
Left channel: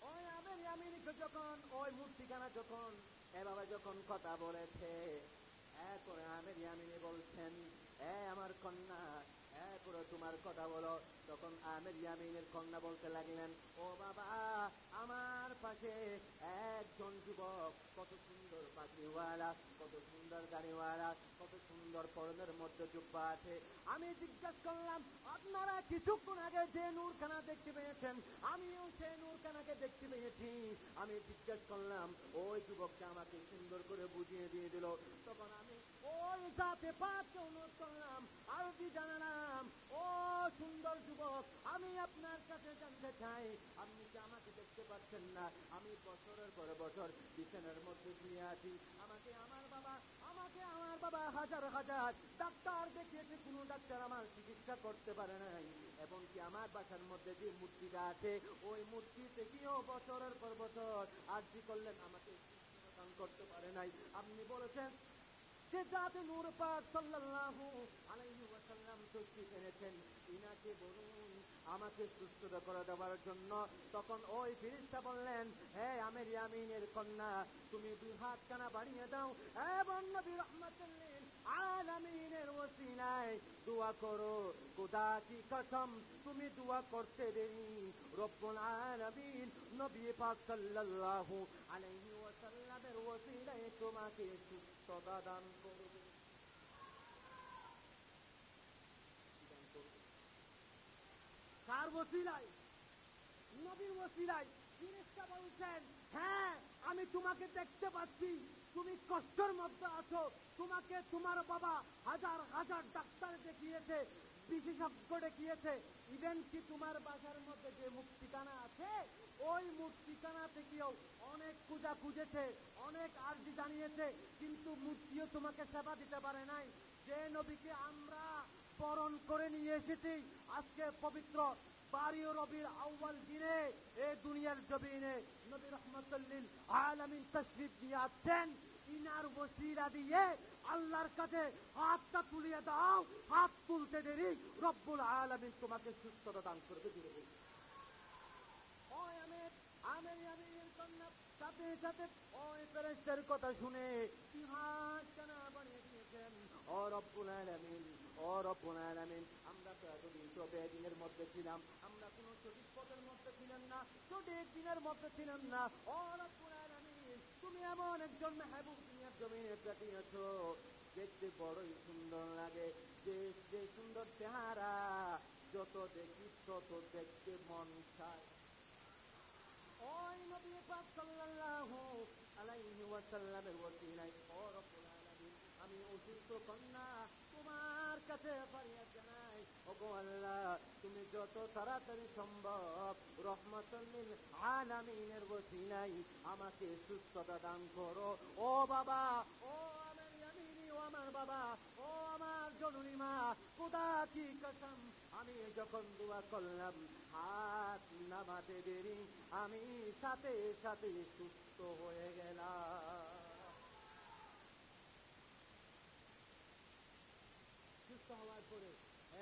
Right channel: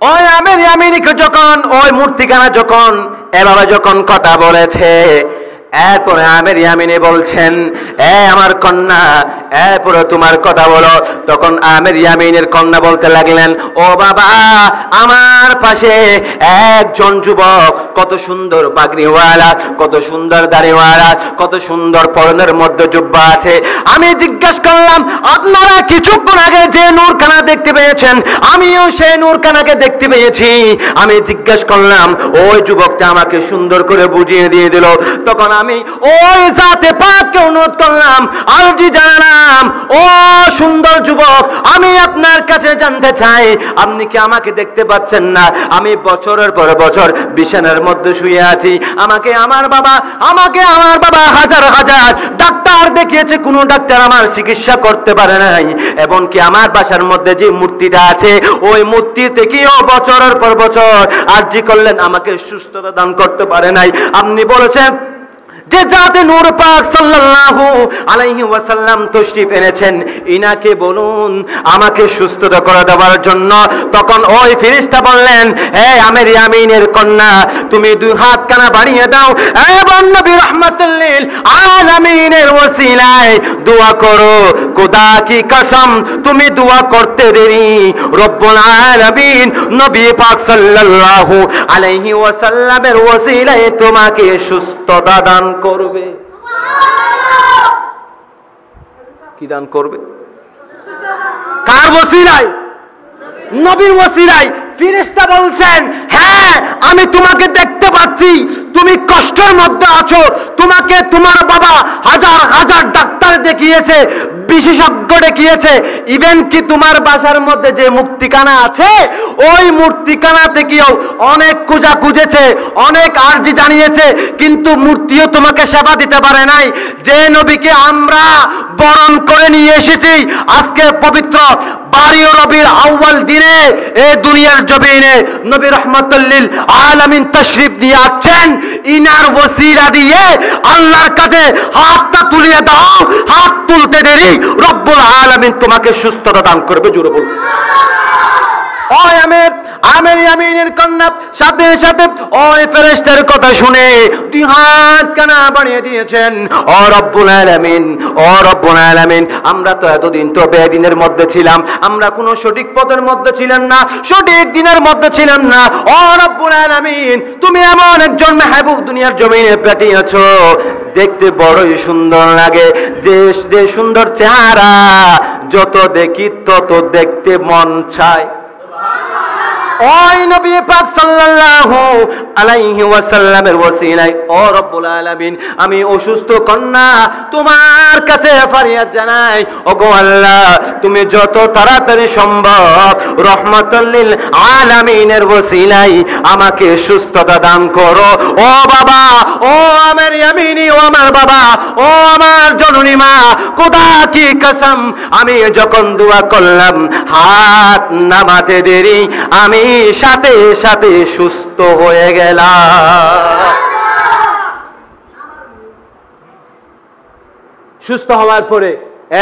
ওই আমের ইয়ামিনীকে যখন ওই মূর্তিখানা যখন এভাবে যখন কথা বলেছে, এরপরে আমের ইয়ামিনী বলছেন, এ আমার কন্যা, এরপরে তোমার কথা বলো। তখন আমের ইয়ামিনের কন্যা বলতে লাগলেন, ও বাবা, আমার পাশে একজন যুবক, কত সুন্দর পাগড়িওয়ালা, কত সুন্দর দাড়িওয়ালা, কত সুন্দর পরনের মধ্যে জুব্বা আছে। আমি জিজ্ঞাসা করলাম, আপনারা কিছুক্ষণ আগে যে নূরখানা দেখতে পেয়েছেন, আমিও সেই নূরখানাকে দেখতে পেয়েছি। আমি জিজ্ঞাসা করলাম, ওই যুবকটা আমাকে সুন্দর করে বুঝিয়ে দিয়ে দিল। তখন আমি ওই জাতে পাককে অনুরোধ করলাম, আরজি জানালাম, ও সুন্দর যুবক, আমি আপনার কাছে জানতে চাই, আপনি কি আমাকে দেখতে পাচ্ছেন না? আমি বছরের পর বছর বিছানার মধ্যে শুয়ে আছি। আমাকে আমার বাবা হাজার হাজার ডাক্তার দেখিয়েছে, কোনো ডাক্তার আমার চিকিৎসা করতে পারে নাই। এবং কি আমার বাসার মধ্যে যে মূর্তিটা আছে, ওই মূর্তি থেকেও বছরের পর বছর আরজি করলেন, আমাকে সুস্থতা দান করতে পারে নাই। আপনি বলেছেন যে জাতে নূর পাক সাল্লাল্লাহু আলাইহি ওয়াসাল্লাম তশরিফ এনেছেন, ইনাকে বলুন আমাকে সুস্থতা করে দেওয়ার জন্য। তখন ওই ফেরেশতা বললেন, হে আমের ইয়ামিনের কন্যা, তুমি দুই হাত কানা বাড়িয়ে দাও এবং নবী রাহমাতুল লিল আলামিনের ওসিলায় দোয়া করো। খোদা কি কসম, তুমি দোয়া করতে দেরি, রব্বুল আলামিন নবী পাক সাল্লাল্লাহু আলাইহি ওয়াসাল্লামের ওসিলায় তোমাকে সুস্থতা দান করবে। কি দান করবে? কার ওসিলায়? নবীর ওসিলায়। ফেরেশতা বলছেন, হ্যাঁ আমি তোমাকে দেখতে পাচ্ছি, তুমি কষ্টের মধ্যে আছো, তোমাকে তোমার বাবা হাজার হাজার ডাক্তার দেখিয়েছে, বিশেষজ্ঞ দেখিয়েছে, ইভেন কি তোমার বাসার মধ্যে যে মূর্তিখানা আছে, ওই মূর্তিখানা থেকেও অনেক খোঁজা খুঁজেছে, অনেক আরজি জানিয়েছে, কিন্তু মূর্তিও তোমাকে সেবা দিতে পারে নাই। যে নবীকে আমরা বরণ করে নিয়ে এসেছি আজকে পবিত্র 12 রবিউল আউয়াল দিনে এই দুনিয়ার জমিনে, নবী রাহমাতুল লিল আলামিন তাশরীফ দিয়ে আসছেন, ইনার ওসিলা দিয়ে আল্লাহর কাছে হাতটা তুলিয়ে দাও। হাত তুলতে দেরি, রব্বুল আলামিন তোমাকে সুস্থতা দান করবে। জোরে বল। ওই আমের ইয়ামিনের কন্যা সাথে সাথে ওই ফেরেশতার কথা শুনে দুই হাত কানা বাড়িয়ে দিয়েছেন। ও রব্বুল আলামিন, আমরা তো এতদিন তো বেদিনের মধ্যে ছিলাম, আমরা কোনো সঠিক পথের মধ্যে ছিলাম না, সঠিক দিনের মধ্যে ছিলাম না। ও রব্বুল আলামিন, তুমি এমন একজন মাহবুব দুনিয়ার জমিনে পাঠিয়েছো, দেখতে বড়ই সুন্দর লাগে, যে সুন্দর চেহারা যত দেখি তত দেখতে মন চায়। ওই নবী পাক সাল্লাল্লাহু আলাইহি ওয়াসাল্লামের ওসিলায় ও রব্বুল আলামিন, আমি অসুস্থ কন্যা তোমার কাছে ফরিয়াদ জানাই। ওগো আল্লাহ, তুমি যত তাড়াতাড়ি সম্ভব রহমাতুল লিল আলামিনের ওসিলায় আমাকে সুস্থতা দান করো। ও বাবা, ও আমার ইয়ামিনী, ও আমার বাবা, ও আমার জননী মা, খোদা কি কসম, আমি যখন দোয়া করলাম হাত নামাতে দেরি আমি সাথে সাথে সুস্থ হয়ে গেলাম। সুস্থ হওয়ার পরে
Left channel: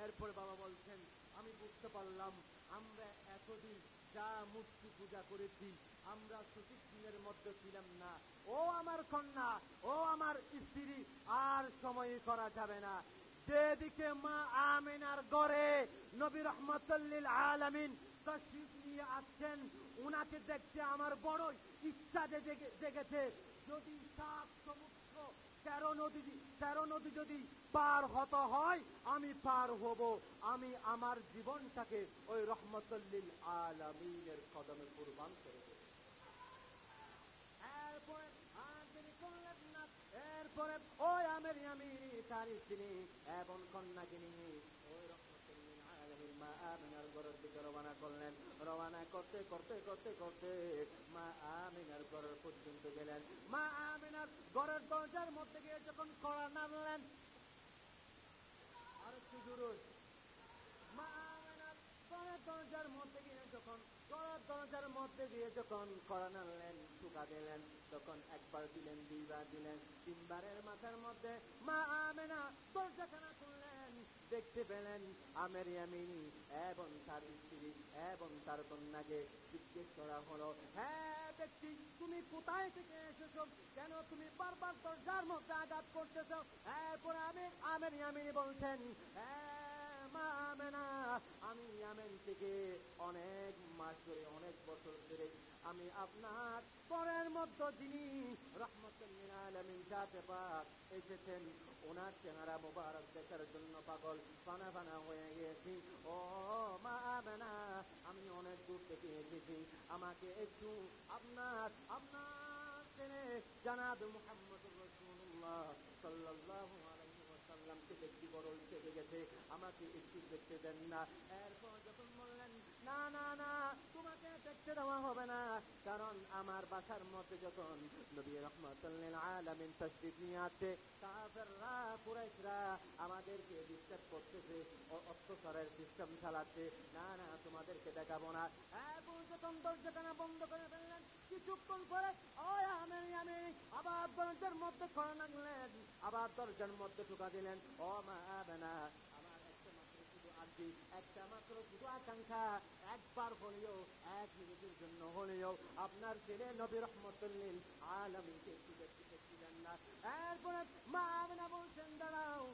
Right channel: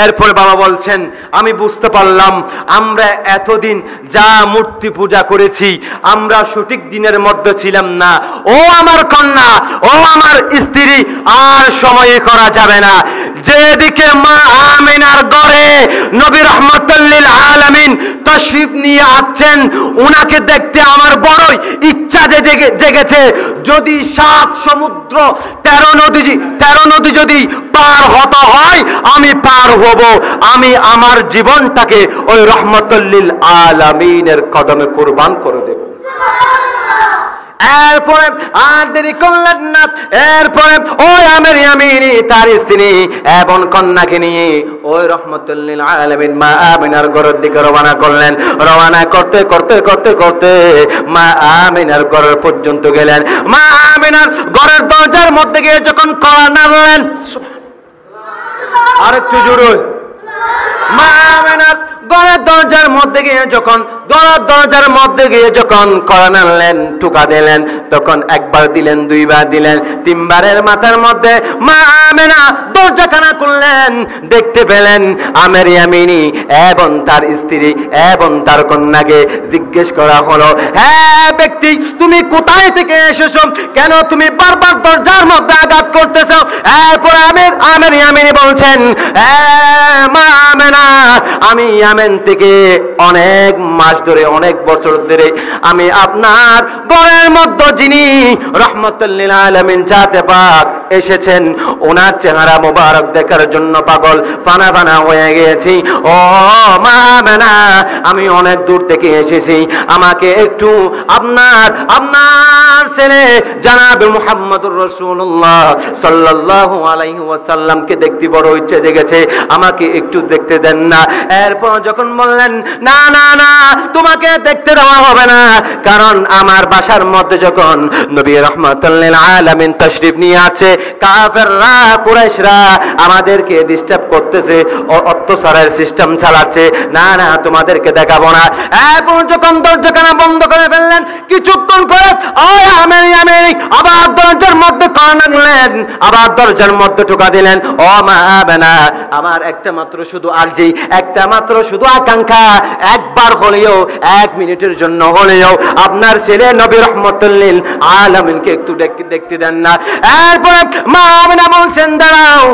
এরপরে বাবা বলছেন, আমি বুঝতে পারলাম আমরা এতদিন যা মূর্তি পূজা করেছি আমরা সঠিক দিনের মধ্যে ছিলাম না। ও আমার কন্যা, ও আমার স্ত্রী, আর সময় করা যাবে না। যেদিকে মা আমিনার ঘরে নবী রাহমাতুল লিল আলামিন তাশরীফ নিয়ে আসছেন, উনাকে দেখতে আমার বড়ই ইচ্ছা জেগেছে। যদি 7 সমুদ্র 13 নদী যদি পার হতে হয় আমি পার হব। আমি আমার জীবনটাকে ওই রহমাতুল লিল আলামিনের কদমে কুরবান করে দেব। এরপরে আর দেরি করলেন না, এরপরে ওই আমের ইয়ামিনী তার স্ত্রী এবং কন্যাকে নিয়ে ওই রহমাতুল লিল আলামিন মা আমিনার ঘরের দিকে রওনা করলেন। রওনা করতে করতে করতে করতে মা আমিনার ঘর পর্যন্ত গেলেন। মা আমিনার ঘরের দরজার মধ্যে গিয়ে যখন কড়া নাড়লেন, আর একটু জোরে, মা আমিনার ঘরের দরজার মধ্যে গিয়ে যখন কড়া নাড়লেন, ঠুকা দিলেন, তখন একবার দিলেন, দুইবার দিলেন, তিনবারের মাথার মধ্যে মা আমিনা দরজাখানা খুললেন। দেখতে পেলেন আমের ইয়ামিনী এবং তার স্ত্রী এবং তার কন্যাকে। জিজ্ঞেস করা হলো, হ্যাঁ ব্যক্তি, তুমি কোথায় থেকে এসেছো? কেন তুমি বারবার দরজার মধ্যে আঘাত করতেছো? এরপর আমের ইয়ামিনী বলছেন, মা আমিনা, আমি ইয়ামেন থেকে অনেক মাস ধরে, অনেক বছর ধরে আমি আপনার ঘরের মধ্যে যিনি রহমাতুল লিল আলামিন জাতে পাক এসেছেন ওনার চেহারা মোবারক দেখার জন্য পাগল ফানা হয়ে গেছি। ও মা আমিনা, আমি অনেক দূর থেকে এসেছি, আমাকে একটু আপনার ছেলে জনাবে মুহাম্মদুর রাসূলুল্লাহ সাল্লাল্লাহু আলাইহি ওয়াসাল্লামকে দেখতে বড় ইচ্ছে জেগেছে, আমাকে একটু দেখতে দেন না। এরপর যখন বললেন, না না না, তোমাকে দেখতে দেওয়া হবে না, কারণ আমার বাসার মধ্যে যখন নবী রাহমাতুল লিল আলামিন তাশরীফ নিয়ে আছে, কাফেররা কুরাইশরা আমাদেরকে ডিস্টার্ব করতেছে, অত্যাচারের সিস্টেম চালাচ্ছে, না না তোমাদেরকে দেখাবো না। এরপর যখন দরজাখানা বন্ধ করে ফেললেন, কিছুক্ষণ পরে ওই আমের ইয়ামিনী আবার দরজার মধ্যে কড়া নাড়লেন, আবার দরজার মধ্যে ঠোকা দিলেন। ও মা আমিনা, আমার একটা মাত্র শুধু আরজি, একটা মাত্র শুধু আকাঙ্ক্ষা, একবার হলেও, 1 মিনিটের জন্য হলেও আপনার ছেলে নবী রাহমাতুল লিল আলামিনকে একটু দেখতে দেন না। এরপরে মা আমিনা বলছেন, দাঁড়াও,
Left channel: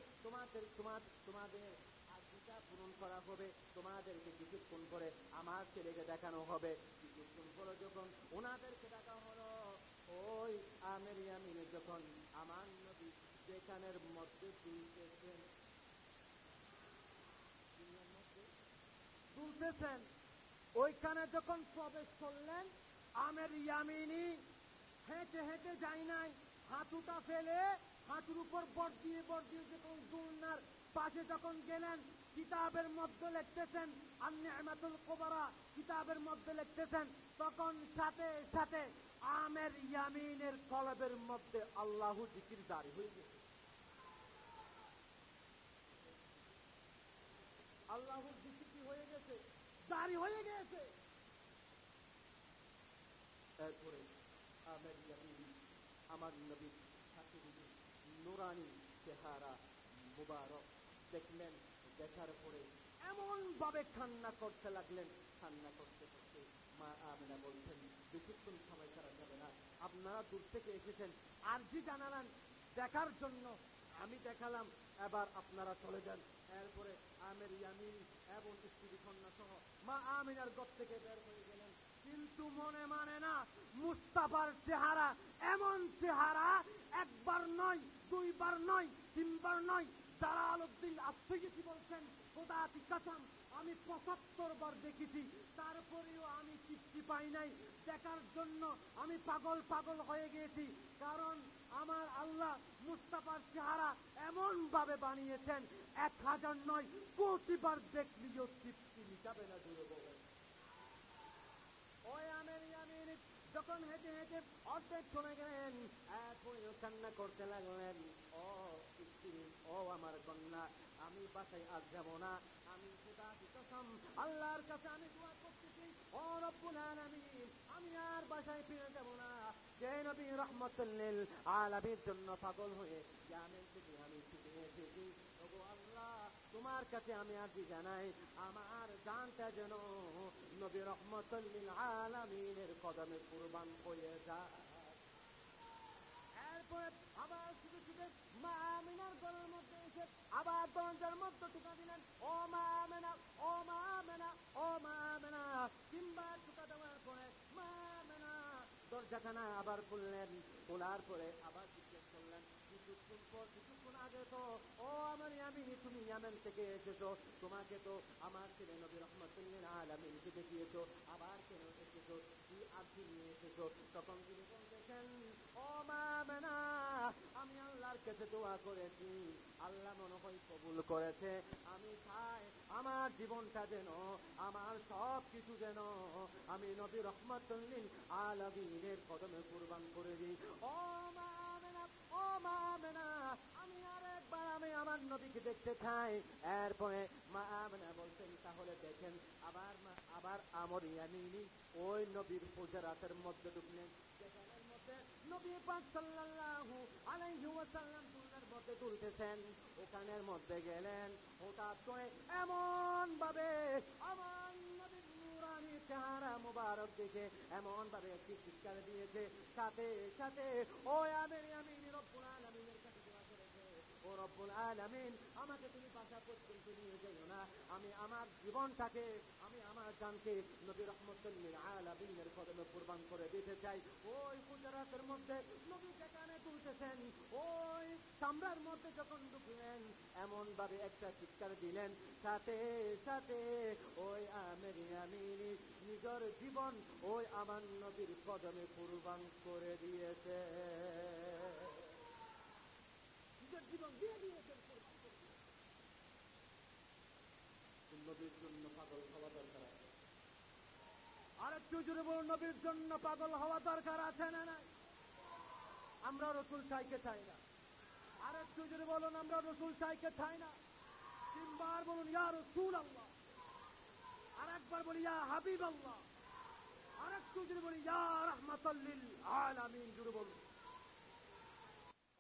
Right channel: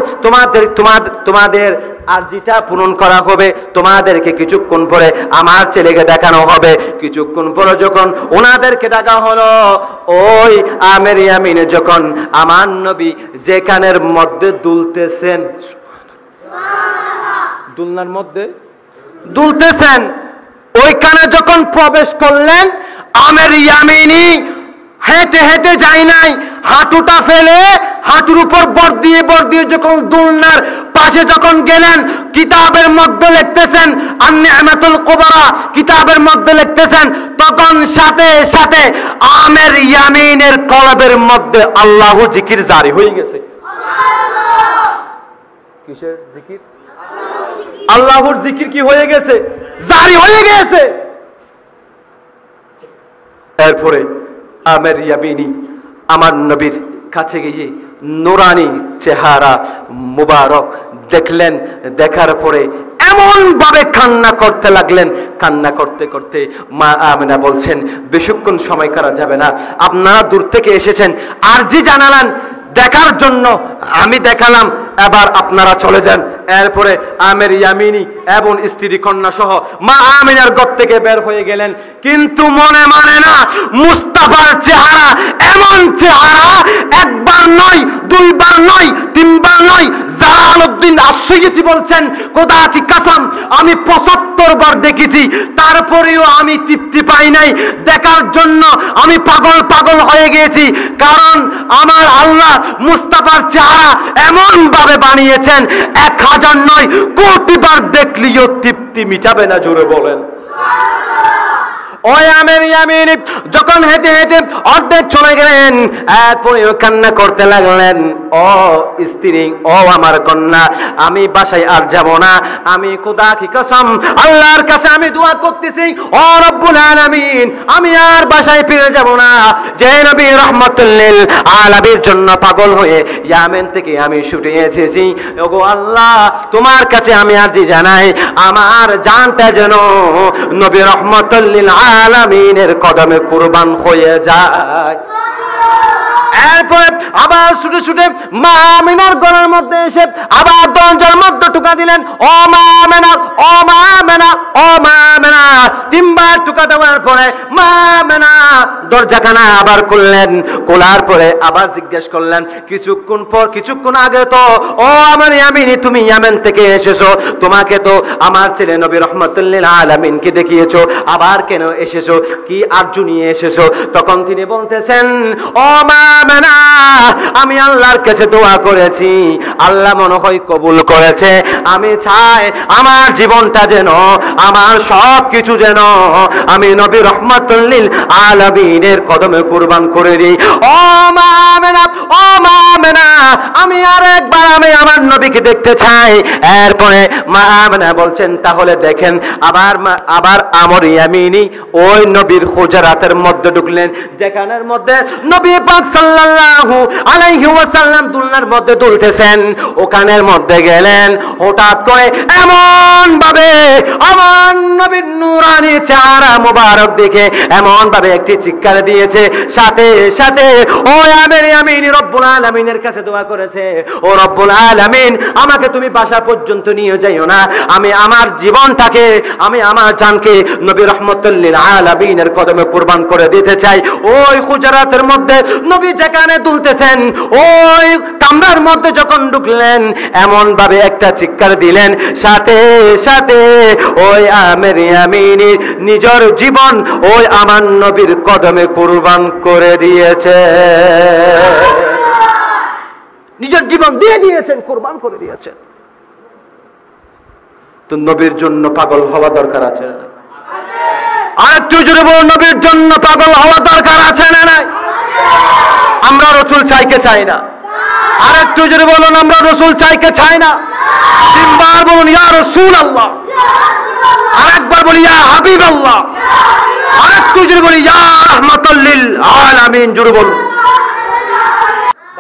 তোমাদের আরজিটা পূরণ করা হবে, তোমাদেরকে কিছুক্ষণ পরে আমার ছেলেকে দেখানো হবে। কিছুক্ষণ পরে যখন ওনাদেরকে ডাকা হলো, ওই আমের ইয়ামিনে যখন আমার নবী যেখানের মধ্যে দুলতেছেন, দুলনার মধ্যে দুলতেছেন, ওইখানে যখন প্রবেশ করলেন, আমের ইয়ামিনী হেঁটে হেঁটে যায় নাই, হাঁটুটা ফেলে হাঁটুর উপর বর দিয়ে যখন দুলনার পাশে যখন গেলেন, কিতাবের মধ্যে লিখতেছেন আন-নি'মাতুল কুবরা, কিতাবের মধ্যে লিখতেছেন, তখন সাথে সাথে আমের ইয়ামিনের কলবের মধ্যে আল্লাহু জিকির জারি হয়ে গেছে। কিসের জিকির? আল্লাহর জিকির কি হয়ে গেছে? জারি হয়ে গেছে। এরপরে আমের ইয়ামিনী আমার নবীর কাছে গিয়ে নুরানি চেহারা মুবারক দেখলেন। দেখার পরে এমন ভাবে কান্না করতে লাগলেন। কান্না করতে করতে মা আমেনা বলছেন, বেশিক্ষণ সময় করা যাবে না, আপনারা দূর থেকে এসেছেন, আরজি জানালেন দেখার জন্য, আমি দেখালাম, এবার আপনারা চলে যান। এরপরে আমের ইয়ামিনী এবং স্ত্রী কন্যা সহ মা আমিনার ঘর থেকে বের হয়ে গেলেন। কিন্তু মনে মানে না, মুস্তাফার চেহারা এমন চেহারা, একবার নয়, দুইবার নয়, তিনবার নয়, জালালউদ্দিন আস-সুয়ুতি বলছেন, খোদা কি কসম আমি ৭৫ বার দেখেছি, তারপরেও আমি তৃপ্তি পাই নাই। দেখার জন্য আমি পাগল পাগল হয়ে গিয়েছি, কারণ আমার আল্লাহ মুস্তাফার চেহারা এমন ভাবে বানিয়েছেন, ১০০০ নয়, কোটিবার দেখলেও তৃপ্তি মিটাবে না। জোরে বলেন। ওই আমের ইয়ামিনী যখন হেঁটে হেঁটে অর্ধেক চলে গেলেন, এরপরে কান্না করতে লাগলেন, ও স্ত্রী, ও আমার কন্যা, আমি বাসায় আর যাব না, আমি খোদা কি কসম আল্লাহর কাছে আমি দোয়া করতেছি, ও রব্বুল আলামিন, আমি আর বাসায় ফিরে যাব না। যে নবী রাহমাতুল লিল আলামিনের জন্য পাগল হয়ে ইয়ামেন থেকে আমি ছুটে এসেছি, ওগো আল্লাহ, তোমার কাছে আমি আরজি জানাই, আমার জানটা যেন নবী রাহমাতুল লিল আলামিনের কদমে কুরবান হয়ে যায়। এরপরে আবার ছুটে ছুটে মা আমিনার ঘরের মধ্যে এসে আবার দরজার মধ্যে ঠুকা দিলেন, ও মা আমিনা, ও মা আমিনা, ও মা আমিনা। ৩ বার ঠুকা দেওয়ার পরে মা আমিনা দরজাখানা আবার খুললেন। খোলার পরে আবার জিজ্ঞেস করলেন, কিছুক্ষণ আগে তো ও আমার ইয়ামিনী তুমি ইয়ামেন থেকে এসেছো, তোমাকে তো আমার ছেলে নবী রাহমাতুল লিল আলামিনকে দেখিয়েছো, আবার কেন এসেছো, কি আরজু নিয়ে এসেছো? তখন তিনি বলতেছেন, ও মা আমিনা, আমি আল্লাহর কাছে দোয়া করেছি, আল্লাহ মনে হয় কবুল করেছে, আমি চাই আমার জীবনটা যেন, আমার সব কিছু যেন আমি নবী রাহমাতুল লিল আলামিনের কদমে কুরবান করে দিই। ও মা আমিনা, ও মা আমিনা, আমি আরেকবার আমি আমার নবীকে দেখতে চাই। এরপরে মা আমিনা বলছেন, তাহলে দেখেন। আবার আমর ইয়ামিনী ওই নবীর হুজরাতের মধ্যে ঢুকলেন, যেখানের মধ্যে নবী পাক সাল্লাল্লাহু আলাইহি ওয়াসাল্লাম দুলনার মধ্যে দুলতেছেন। ওখানের মধ্যে গেলেন, হঠাৎ করে এমন ভাবে আমার নবীর নূরানি চেহারা মোবারক দেখে এমন ভাবে একটি চিৎকার দিয়েছে, সাথে সাথে ও আমের ইয়ামিনী রব্বুল আলামিনের কাছে দোয়া করেছে, ও রব্বুল আলামিন, আমাকে তুমি বাসা পর্যন্ত নিয়ে যাইও না, আমি আমার জীবনটাকে, আমি আমার জানকে নবী রাহমাতুল লিল আলামিনের কদমে কুরবান করে দিতে চাই। ওই হুজরাতের মধ্যে নবী যেখানে দুলতেছেন, ওই কামরার মধ্যে যখন ঢুকলেন, এমন ভাবে একটা চিৎকার দিলেন, সাথে সাথে ওই আমের ইয়ামিনী নিজের জীবন ওই আমার নবীর কদমে কুরবান করে দিয়েছে, নিজের জীবন দিয়ে দিয়েছেন, কুরবান করে দিয়েছেন। তো নবীর জন্য পাগল হওয়া দরকার আছে না? আরেকটু জোরে বলুন, নবীর জন্য পাগল হওয়া দরকার আছে না? নাই? আমরা রাসূল চাইকে চাই না। আরেকটু জোরে বলুন, আমরা রাসূল চাইকে চাই না। ৩ বার বলুন, ইয়া রাসূলুল্লাহ। আরেকবার বলি, ইয়া হাবিবাল্লাহ। আরেকটু জোরে বলি, ইয়া রাহমাতুল লিল আলামিন। জোরে বলুন।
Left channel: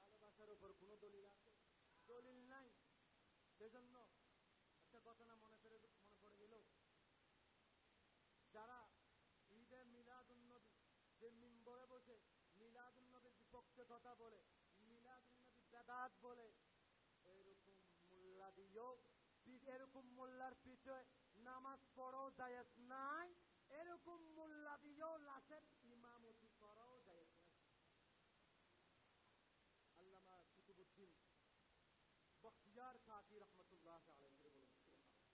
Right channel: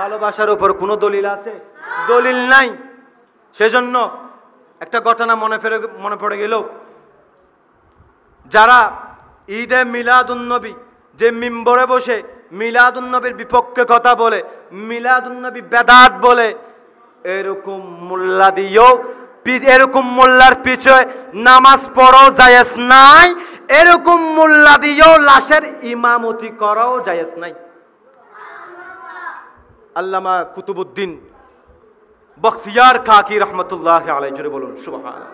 ভালোবাসার উপর কোনো দলিল আছে? দলিল নাই। সেজন্য একটা ঘটনা মনে পড়ে গেল, যারা ঈদে মিলাদুন্নবী, যে মিম্বরে বসে মিলাদুন্নবীর বিপক্ষে কথা বলে, মিলাদুন্নবী বেদাত বলে, এরকম মোল্লা দিয়েও, এরকম মোল্লার পিছনে নামাজ পড়াও জায়েজ নাই, এরকম মোল্লা দিয়েও লাশের ইমামতি করাও জায়েজ নাই। আল্লামা কুতুবউদ্দিন বখতিয়ার কাকি রহমতুল্লাহি আলাইহি, জোরে বলুন সুবহানাল্লাহ।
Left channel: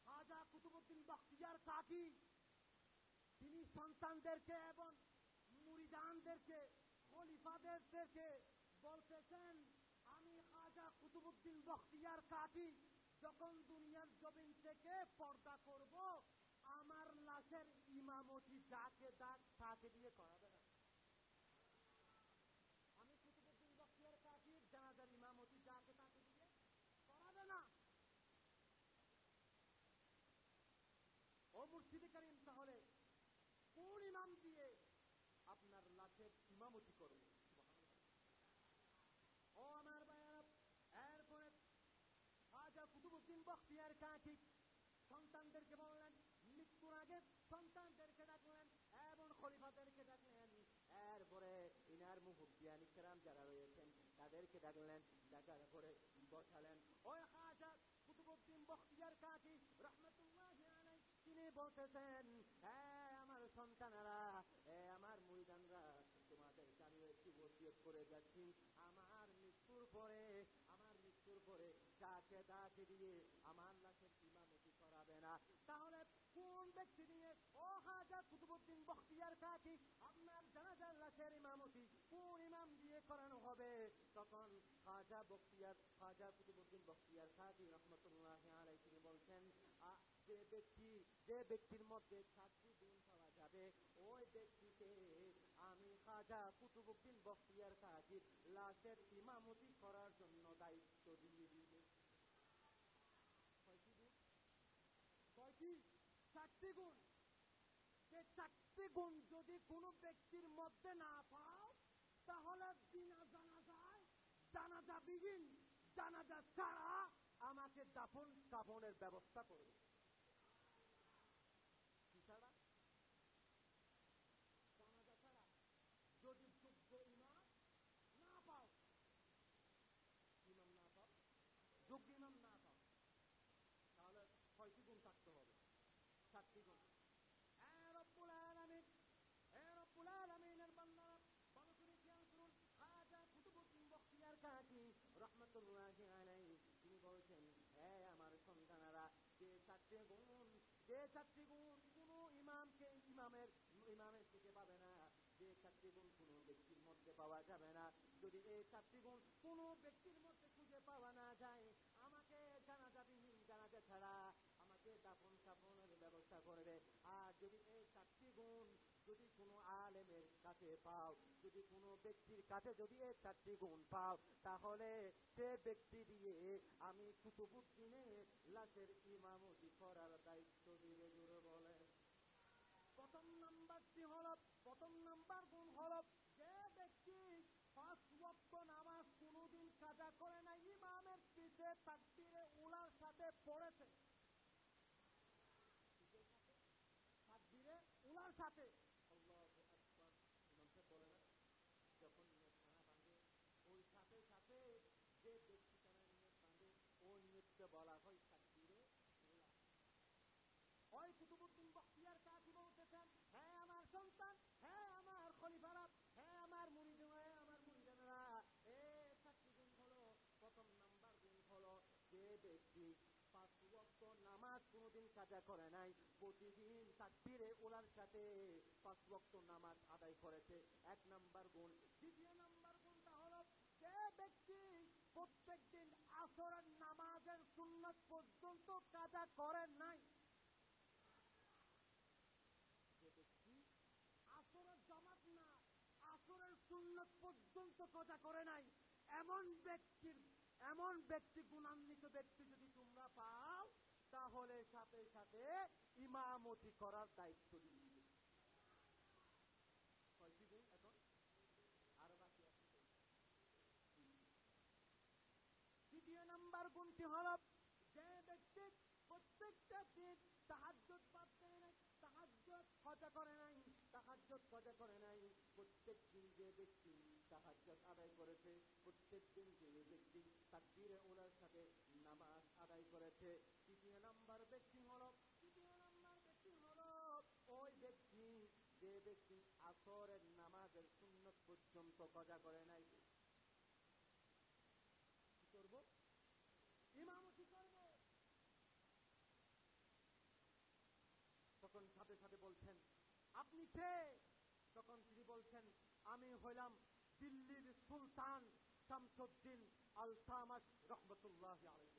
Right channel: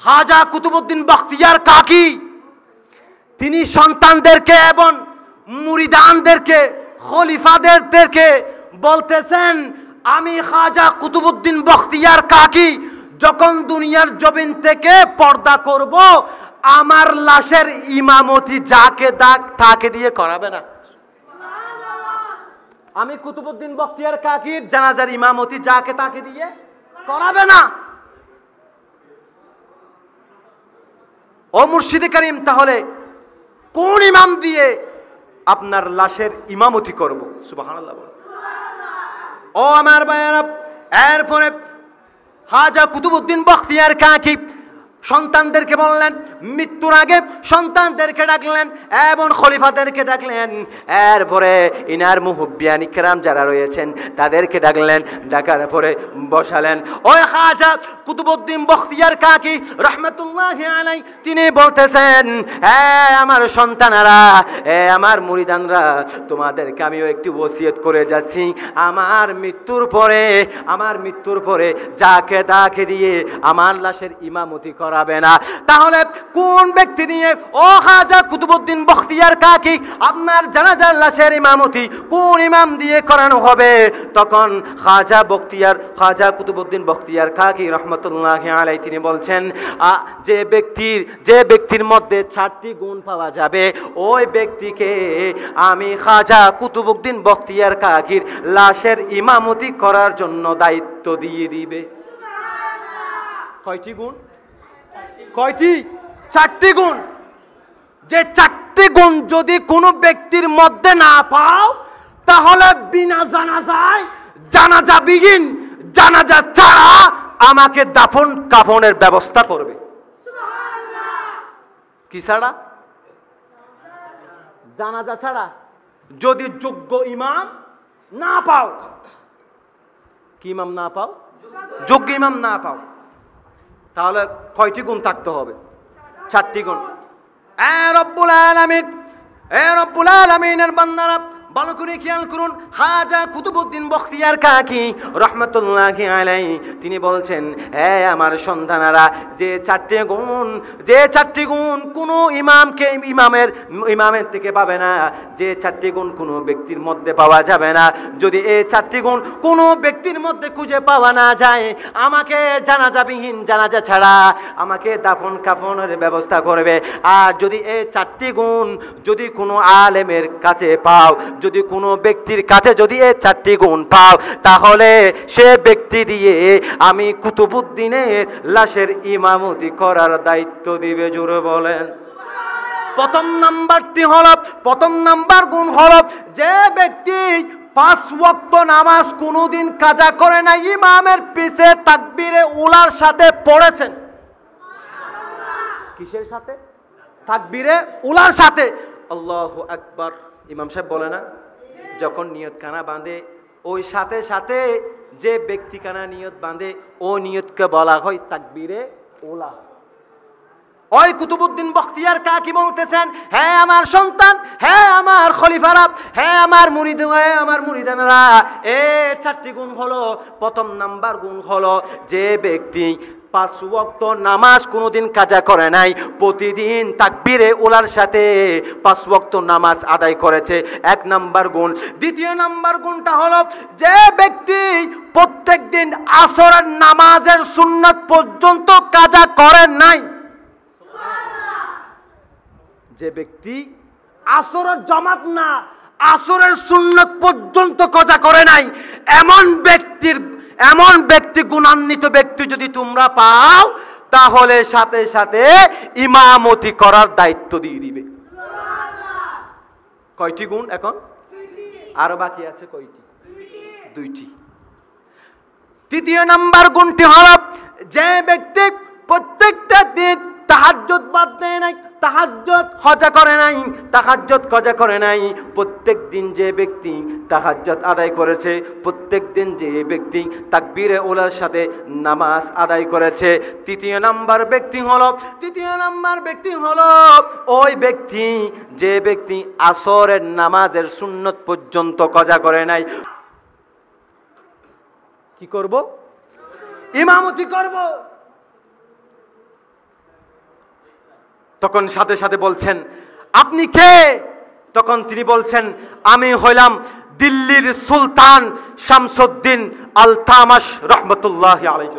খাজা কুতুবউদ্দিন বখতিয়ার কাকি তিনি সন্তানদেরকে এবং মুরিদানদেরকে, খলিফাদেরকে বলতেছেন, আমি খাজা কুতুবউদ্দিন বখতিয়ার কাকি যখন দুনিয়ার জমিন থেকে পর্দা করব, আমার লাশের ইমামতি যাকে তাকে দিয়ে করাবে না। আমি কুতুবউদ্দিন বখতিয়ার কাকির জানাজার ইমামতি যাকে তাকে দিয়ে করাবে না। ও মুর্শিদে কারীম, তাহলে কোন ইমাম দিয়ে আপনার লাশের ইমামতি করব? সুবহানাল্লাহ। ও আমার ভাইয়েরা, এরপরে খাজা কুতুবউদ্দিন বখতিয়ার কাকি সন্তানদেরকে বললেন, মৃত্যুর আগে সন্তানদেরকে ডাকলেন এবং খলিফাদেরকে ডাকলেন, এরপরে ইনার মুহুব্বিয়ান ইকরাম যারা রয়েছেন তাদেরকে ডাকলেন, ডাকার পরে বসালেন। ওই খাজা কুতুবউদ্দিন বখতিয়ার কাকি রহমতুল্লাহি আলাইহি তিনি বলতেছেন, হ্যাঁ আমার সন্তানেরা, আমার মুরিদানরা, তোমাদেরকে আমিও একটি ওসিয়ত করে যাচ্ছি, আমার মৃত্যুর পরে যাকে তাকে দিয়ে আমার লাশের ইমামতি করাবে না। তাহলে কোন ব্যক্তি দিয়ে ও খাজা কুতুবউদ্দিন বখতিয়ার কাকি আপনার জানাজার লাশের ইমামতি কোন ইমাম দিয়ে করানো হবে? তখন খাজা কুতুবউদ্দিন বখতিয়ার কাকি রহমতুল্লাহি আলাইহি তিনি বলছেন, যে ব্যক্তির মধ্যে 4টি গুণ পাওয়া যাবে ওই ব্যক্তিকে আমি খাজা কুতুবউদ্দিন বখতিয়ার কাকির লাশের ইমামতি করার জন্য দায়িত্ব দিয়ে দিবে। কয়টি গুণ? কয়টি? 4টি গুণ। যে 4টি গুণ যদি কোনো ব্যক্তির মধ্যে না পাও তাহলে বিনা জানাজায়, জানাজাবিহীন, জানাজা ছাড়া আমাকে দাফন কাফনের ব্যবস্থা করবে। কি ছাড়া? জানাজা ছাড়া। যদি যোগ্য ইমাম না পাও, কি ইমাম না পাও? যোগ্য ইমাম না পাও, তাহলে কয়টি গুণ থাকতে হবে? 4টি গুণ। রব্বুল আলামিনের বান্দারা ভালো করে খেয়াল করুন, খাজা কুতুবউদ্দিন বখতিয়ার কাকি রহমতুল্লাহি আলাইহি তিনি বলছেন, হ্যাঁ আমার সন্তানেরা, যে 4টি গুণ কোনো ইমামের থেকে পাবে না, যে 4টি গুণ কোনো ব্যক্তির মধ্যে পাওয়া যাবে না, যদি এই 4টি গুণ কোনো ব্যক্তির মধ্যে খুঁজে পাওয়া না যায়, আমাকে জানাজাবিহীন, জানাজা ছাড়া আমাকে দাফন কাফনের ব্যবস্থা করবে। আর যদি এই 4টি গুণ যদি কোনো আলেমের কাছে পাও, যদি কোনো ব্যক্তির কাছে যদি এই 4টি গুণ পাও, তাহলে সে ব্যক্তি দিয়ে আমি কুতুবউদ্দিনের লাশের ইমামতি করার দায়িত্ব দিবে। জোরে বলেন। প্রথম নাম্বার গুণ হলো, যে ব্যক্তি 5 ওয়াক্ত নামাজ কোনোদিন কাজা করে না, ইমামের পিছে তাকবীরে উলার সাথে পড়েছেন। কিসের সাথে? তাকবীরে উলার সাথে। আল্লাহু আকবার। ইমাম সাহেব বলে না, যখন নিয়ত কানা বাঁধে ওই সাথে সাথে যে ব্যক্তি কানা নিয়ত বাঁধে ও নিয়তকে বলা হয় তাকবীরে উলা। ওই কুতুবউদ্দিন বখতিয়ার কাকি বলতেছেন, হ্যাঁ আমার সন্তান, হ্যাঁ আমার খলিফারা, হ্যাঁ আমার মুরিদানরা, এই 4টি গুণ হলো। প্রথম নাম্বার গুণ হলো, যে ব্যক্তি 5 ওয়াক্ত নামাজ কোনোদিন কাজা করে নাই, প্রতিদিন তাকবীরে উলার সাথে 5 ওয়াক্ত নামাজ আদায় করেছে, 1 নাম্বার গুণ। দ্বিতীয় নাম্বার গুণটা হলো, যে ব্যক্তি প্রত্যেক দিন আসরের নামাজের সুন্নাত পর্যন্ত কাজা করে নাই, যে ব্যক্তি আসরের জামাত না, আসরের সুন্নাত পর্যন্ত কাজা করে নাই, এমন ব্যক্তি গুণান্বিত ব্যক্তি যদি তোমরা পাও, তাহলে সাথে সাথে ইমামতি করার দায়িত্ব দিয়ে দিবে। কয়টি গুণ এখন? আরো বাকি আছে কয়টি? 2টি। তৃতীয় নাম্বার গুণটি হলো, যে ব্যক্তি প্রত্যেকটা দিন তাহাজ্জুদ বাদ দেয় নাই, তাহাজ্জুদ কজা করে নাই, প্রত্যেক দিন যে ব্যক্তি তাহাজ্জুদ আদায় করেছে, প্রত্যেক দিন যে ব্যক্তি তাকবীরে উলার সাথে নামাজ আদায় করেছে। তৃতীয় নাম্বার ব্যক্তি হলো ওই ব্যক্তি, যে ব্যক্তি আসরের নামাজের সুন্নত পর্যন্ত কজা করে নাই। কি করব? ইমামতি করব। তখন সাথে সাথে বলছেন, আপনি কে? তখন তিনি বলছেন, আমি হইলাম দিল্লির সুলতান শামসুদ্দিন আলতামাশ রহমতুল্লাহি আলাইহি।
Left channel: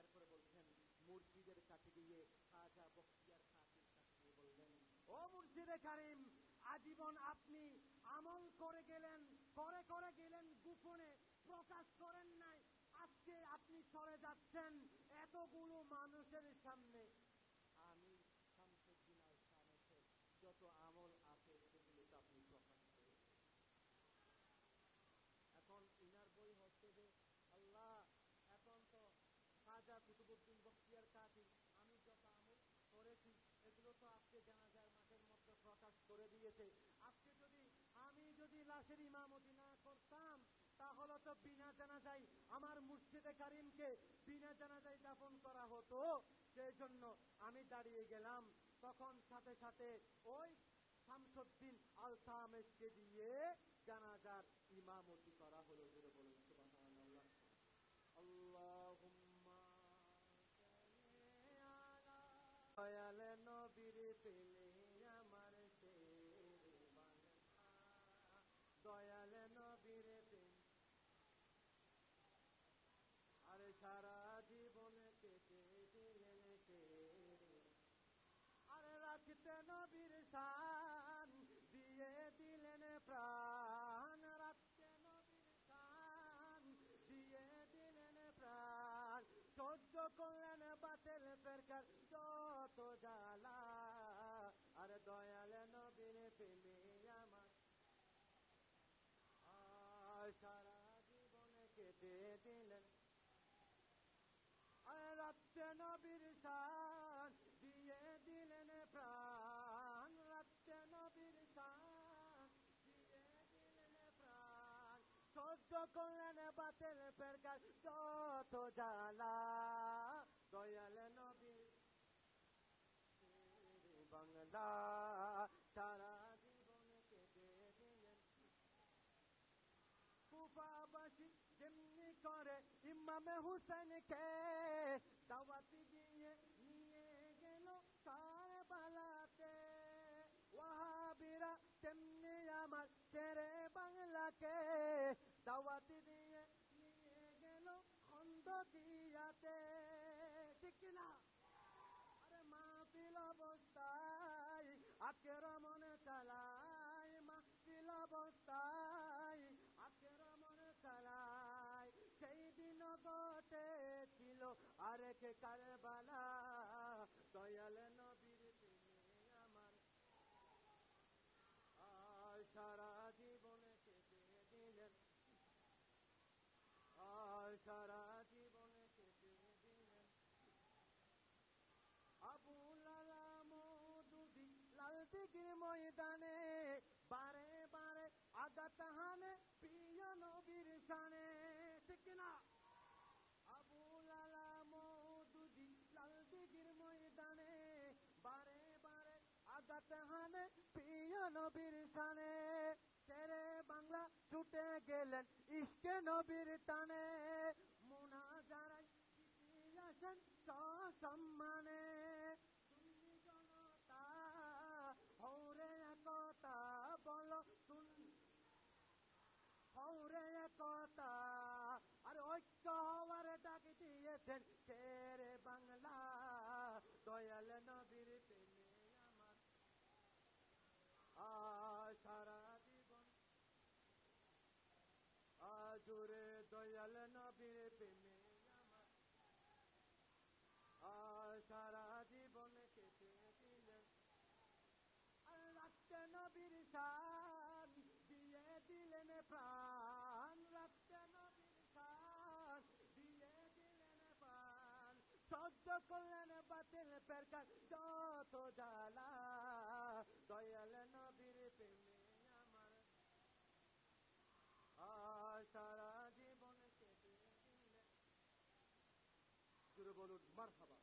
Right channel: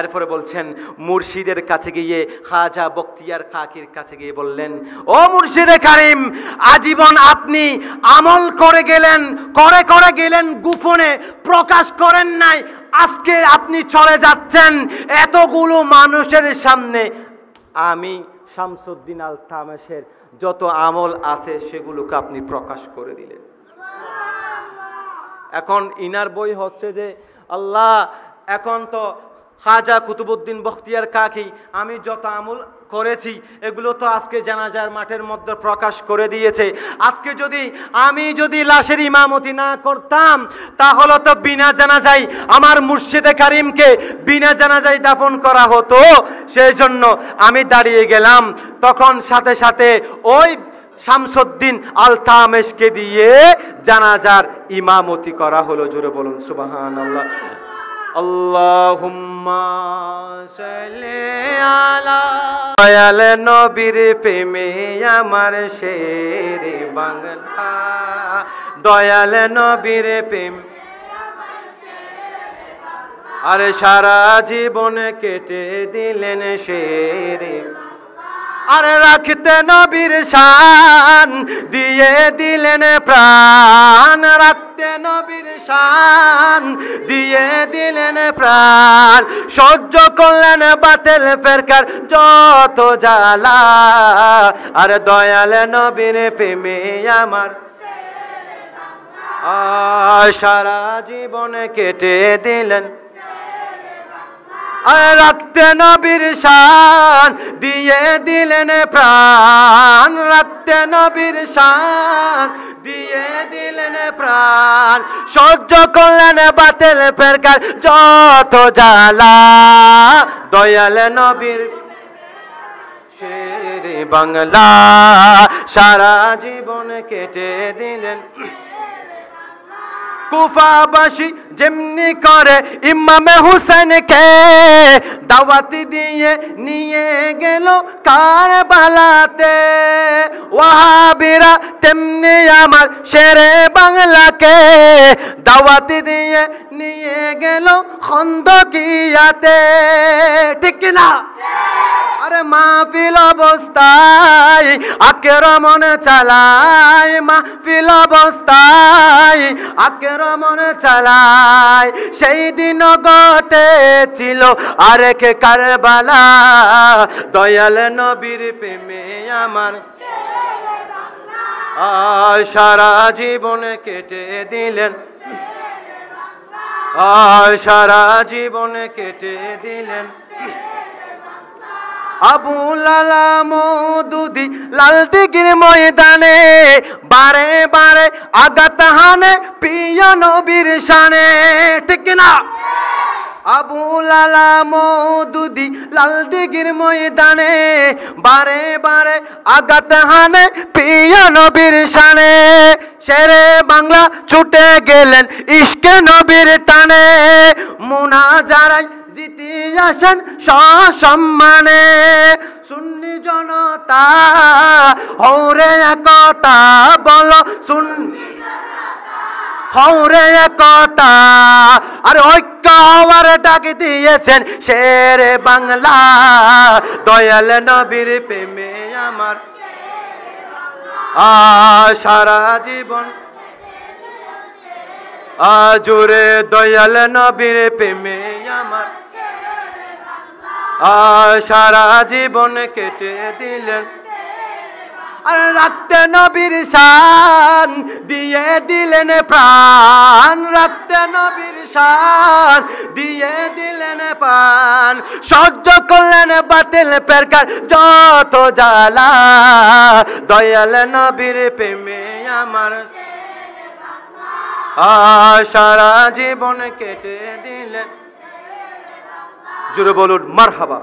এরপরে বলছেন, মুর্শিদের কাছে গিয়ে খাজা বখতিয়ার কাকির কাছে গিয়ে বললেন, ও মুর্শিদে কারিম, আজীবন আপনি আমল করে গেলেন গোপনে, প্রকাশ করেন নাই, আজকে আপনি চলে যাচ্ছেন এতগুলো মানুষের সামনে, আমি শামসুদ্দিন আলতামাশের যত আমল আছে সেগুলোকে আপনি প্রকাশ করে দিলেন। এখন ইনার বই হচ্ছে যে, আল্লাহ এখন তো খাজা কুতুবউদ্দিন বখতিয়ার কাকি আমি যত আমল করেছি এগুলো তো আজকে জানাজার মাঠের মধ্যে প্রকাশ করে দিয়েছে। আজকে আমি যদি লাশের ইমামতি না করতাম তাহলে তো বিনা জানাজায় আমার মুর্শিদে কারিমকে বিনা জানাজায় দাফন করা হতো। সেই জন্য আমি দাঁড়িয়ে গেলাম। তখন সাথে সাথে ওই শামসুদ্দিন আলতামেশকে দিয়ে জানাজার ইমামতি করা হলো। জোরে বলুন সুবহানাল্লাহ। আল্লাহুম্মা সাল্লি আলা দয়াল নবীর প্রেমে আমার শেরে বাংলা, দয়াল নবীর প্রেম আরে সারা জীবন কেটে দিলেন শেরে, আরে রাখতে নবীর শান দিয়ে দিলেন প্রাণ, রাখতে নবীর শান দিয়ে দিলেন প্রাণ, সহ্য করলেন বাতিল ফেরকার যত জ্বালা, আরে দয়াল নবীর প্রেমে আমার সারা জীবন কেটে দিলেন, রাখতে নবীর শান দিয়ে দিলেন প্রাণ, রাখতে নবীর শান দিয়ে দিলেন প্রাণ, সহ্য করলেন বাতিল ফেরকার যত জ্বালা, দয়াল নবীর শেরে বাংলা সারা জীবন কেটে দিলেন। কুফাবাসী যেমনি করে ইমামে হুসেনকে দাওয়াতি দিয়ে নিয়ে গেল কারবালাতে, ওয়াহাবিরা তেমনি আমার শেরে বাংলাকে দাওয়াতি দিয়ে নিয়ে গেল খন্দকিয়াতে, ঠিক না? আরে মাহফিল অবস্থায় আক্রমণ চালায়, মাহফিল অবস্থায় আক্রমণ চালায়, সেই দিন ঘটেছিল আরেক কারবালা, দয়াল নবীর প্রেমে আমার সারা জীবন কেটে দিলেন, সারা জীবন কেটে দিলেন। আবু লালা মওদুদি লাল দিঘির ময়দানে বারে বারে আঘাত হানে প্রিয় নবীর শানে, ঠিক না? আবু লালা মওদুদি লাল দিঘির ময়দানে বারে বারে আঘাত হানে প্রিয় নবীর শানে, শেরে বাংলা ছুটে গেলেন ইশকে নবীর টানে, মুনাজারায় জিতে আসেন সসম্মানে, সুন্নি জনতা হৌরে একতা বলো, সুন্নি হৌরে একতা, আর ঐক্য হওয়ার ডাক দিয়েছেন শেরে বাংলা, দয়াল নবীর প্রেমে আমার সারা জীবন জুড়ে, দয়াল নবীর প্রেমে আমার সারা জীবন কেটে দিলেন, আর রাখতে নবীর শান দিয়ে দিলেন প্রাণ, রাখতে নবীর শান দিয়ে দিলেন প্রাণ, সহ্য করলেন বাতিল ফেরকার যত জ্বালা, দয়াল নবীর প্রেমে আমার সারা জীবন কেটে দিলেন। জুড়ে বলুন মারহাবা।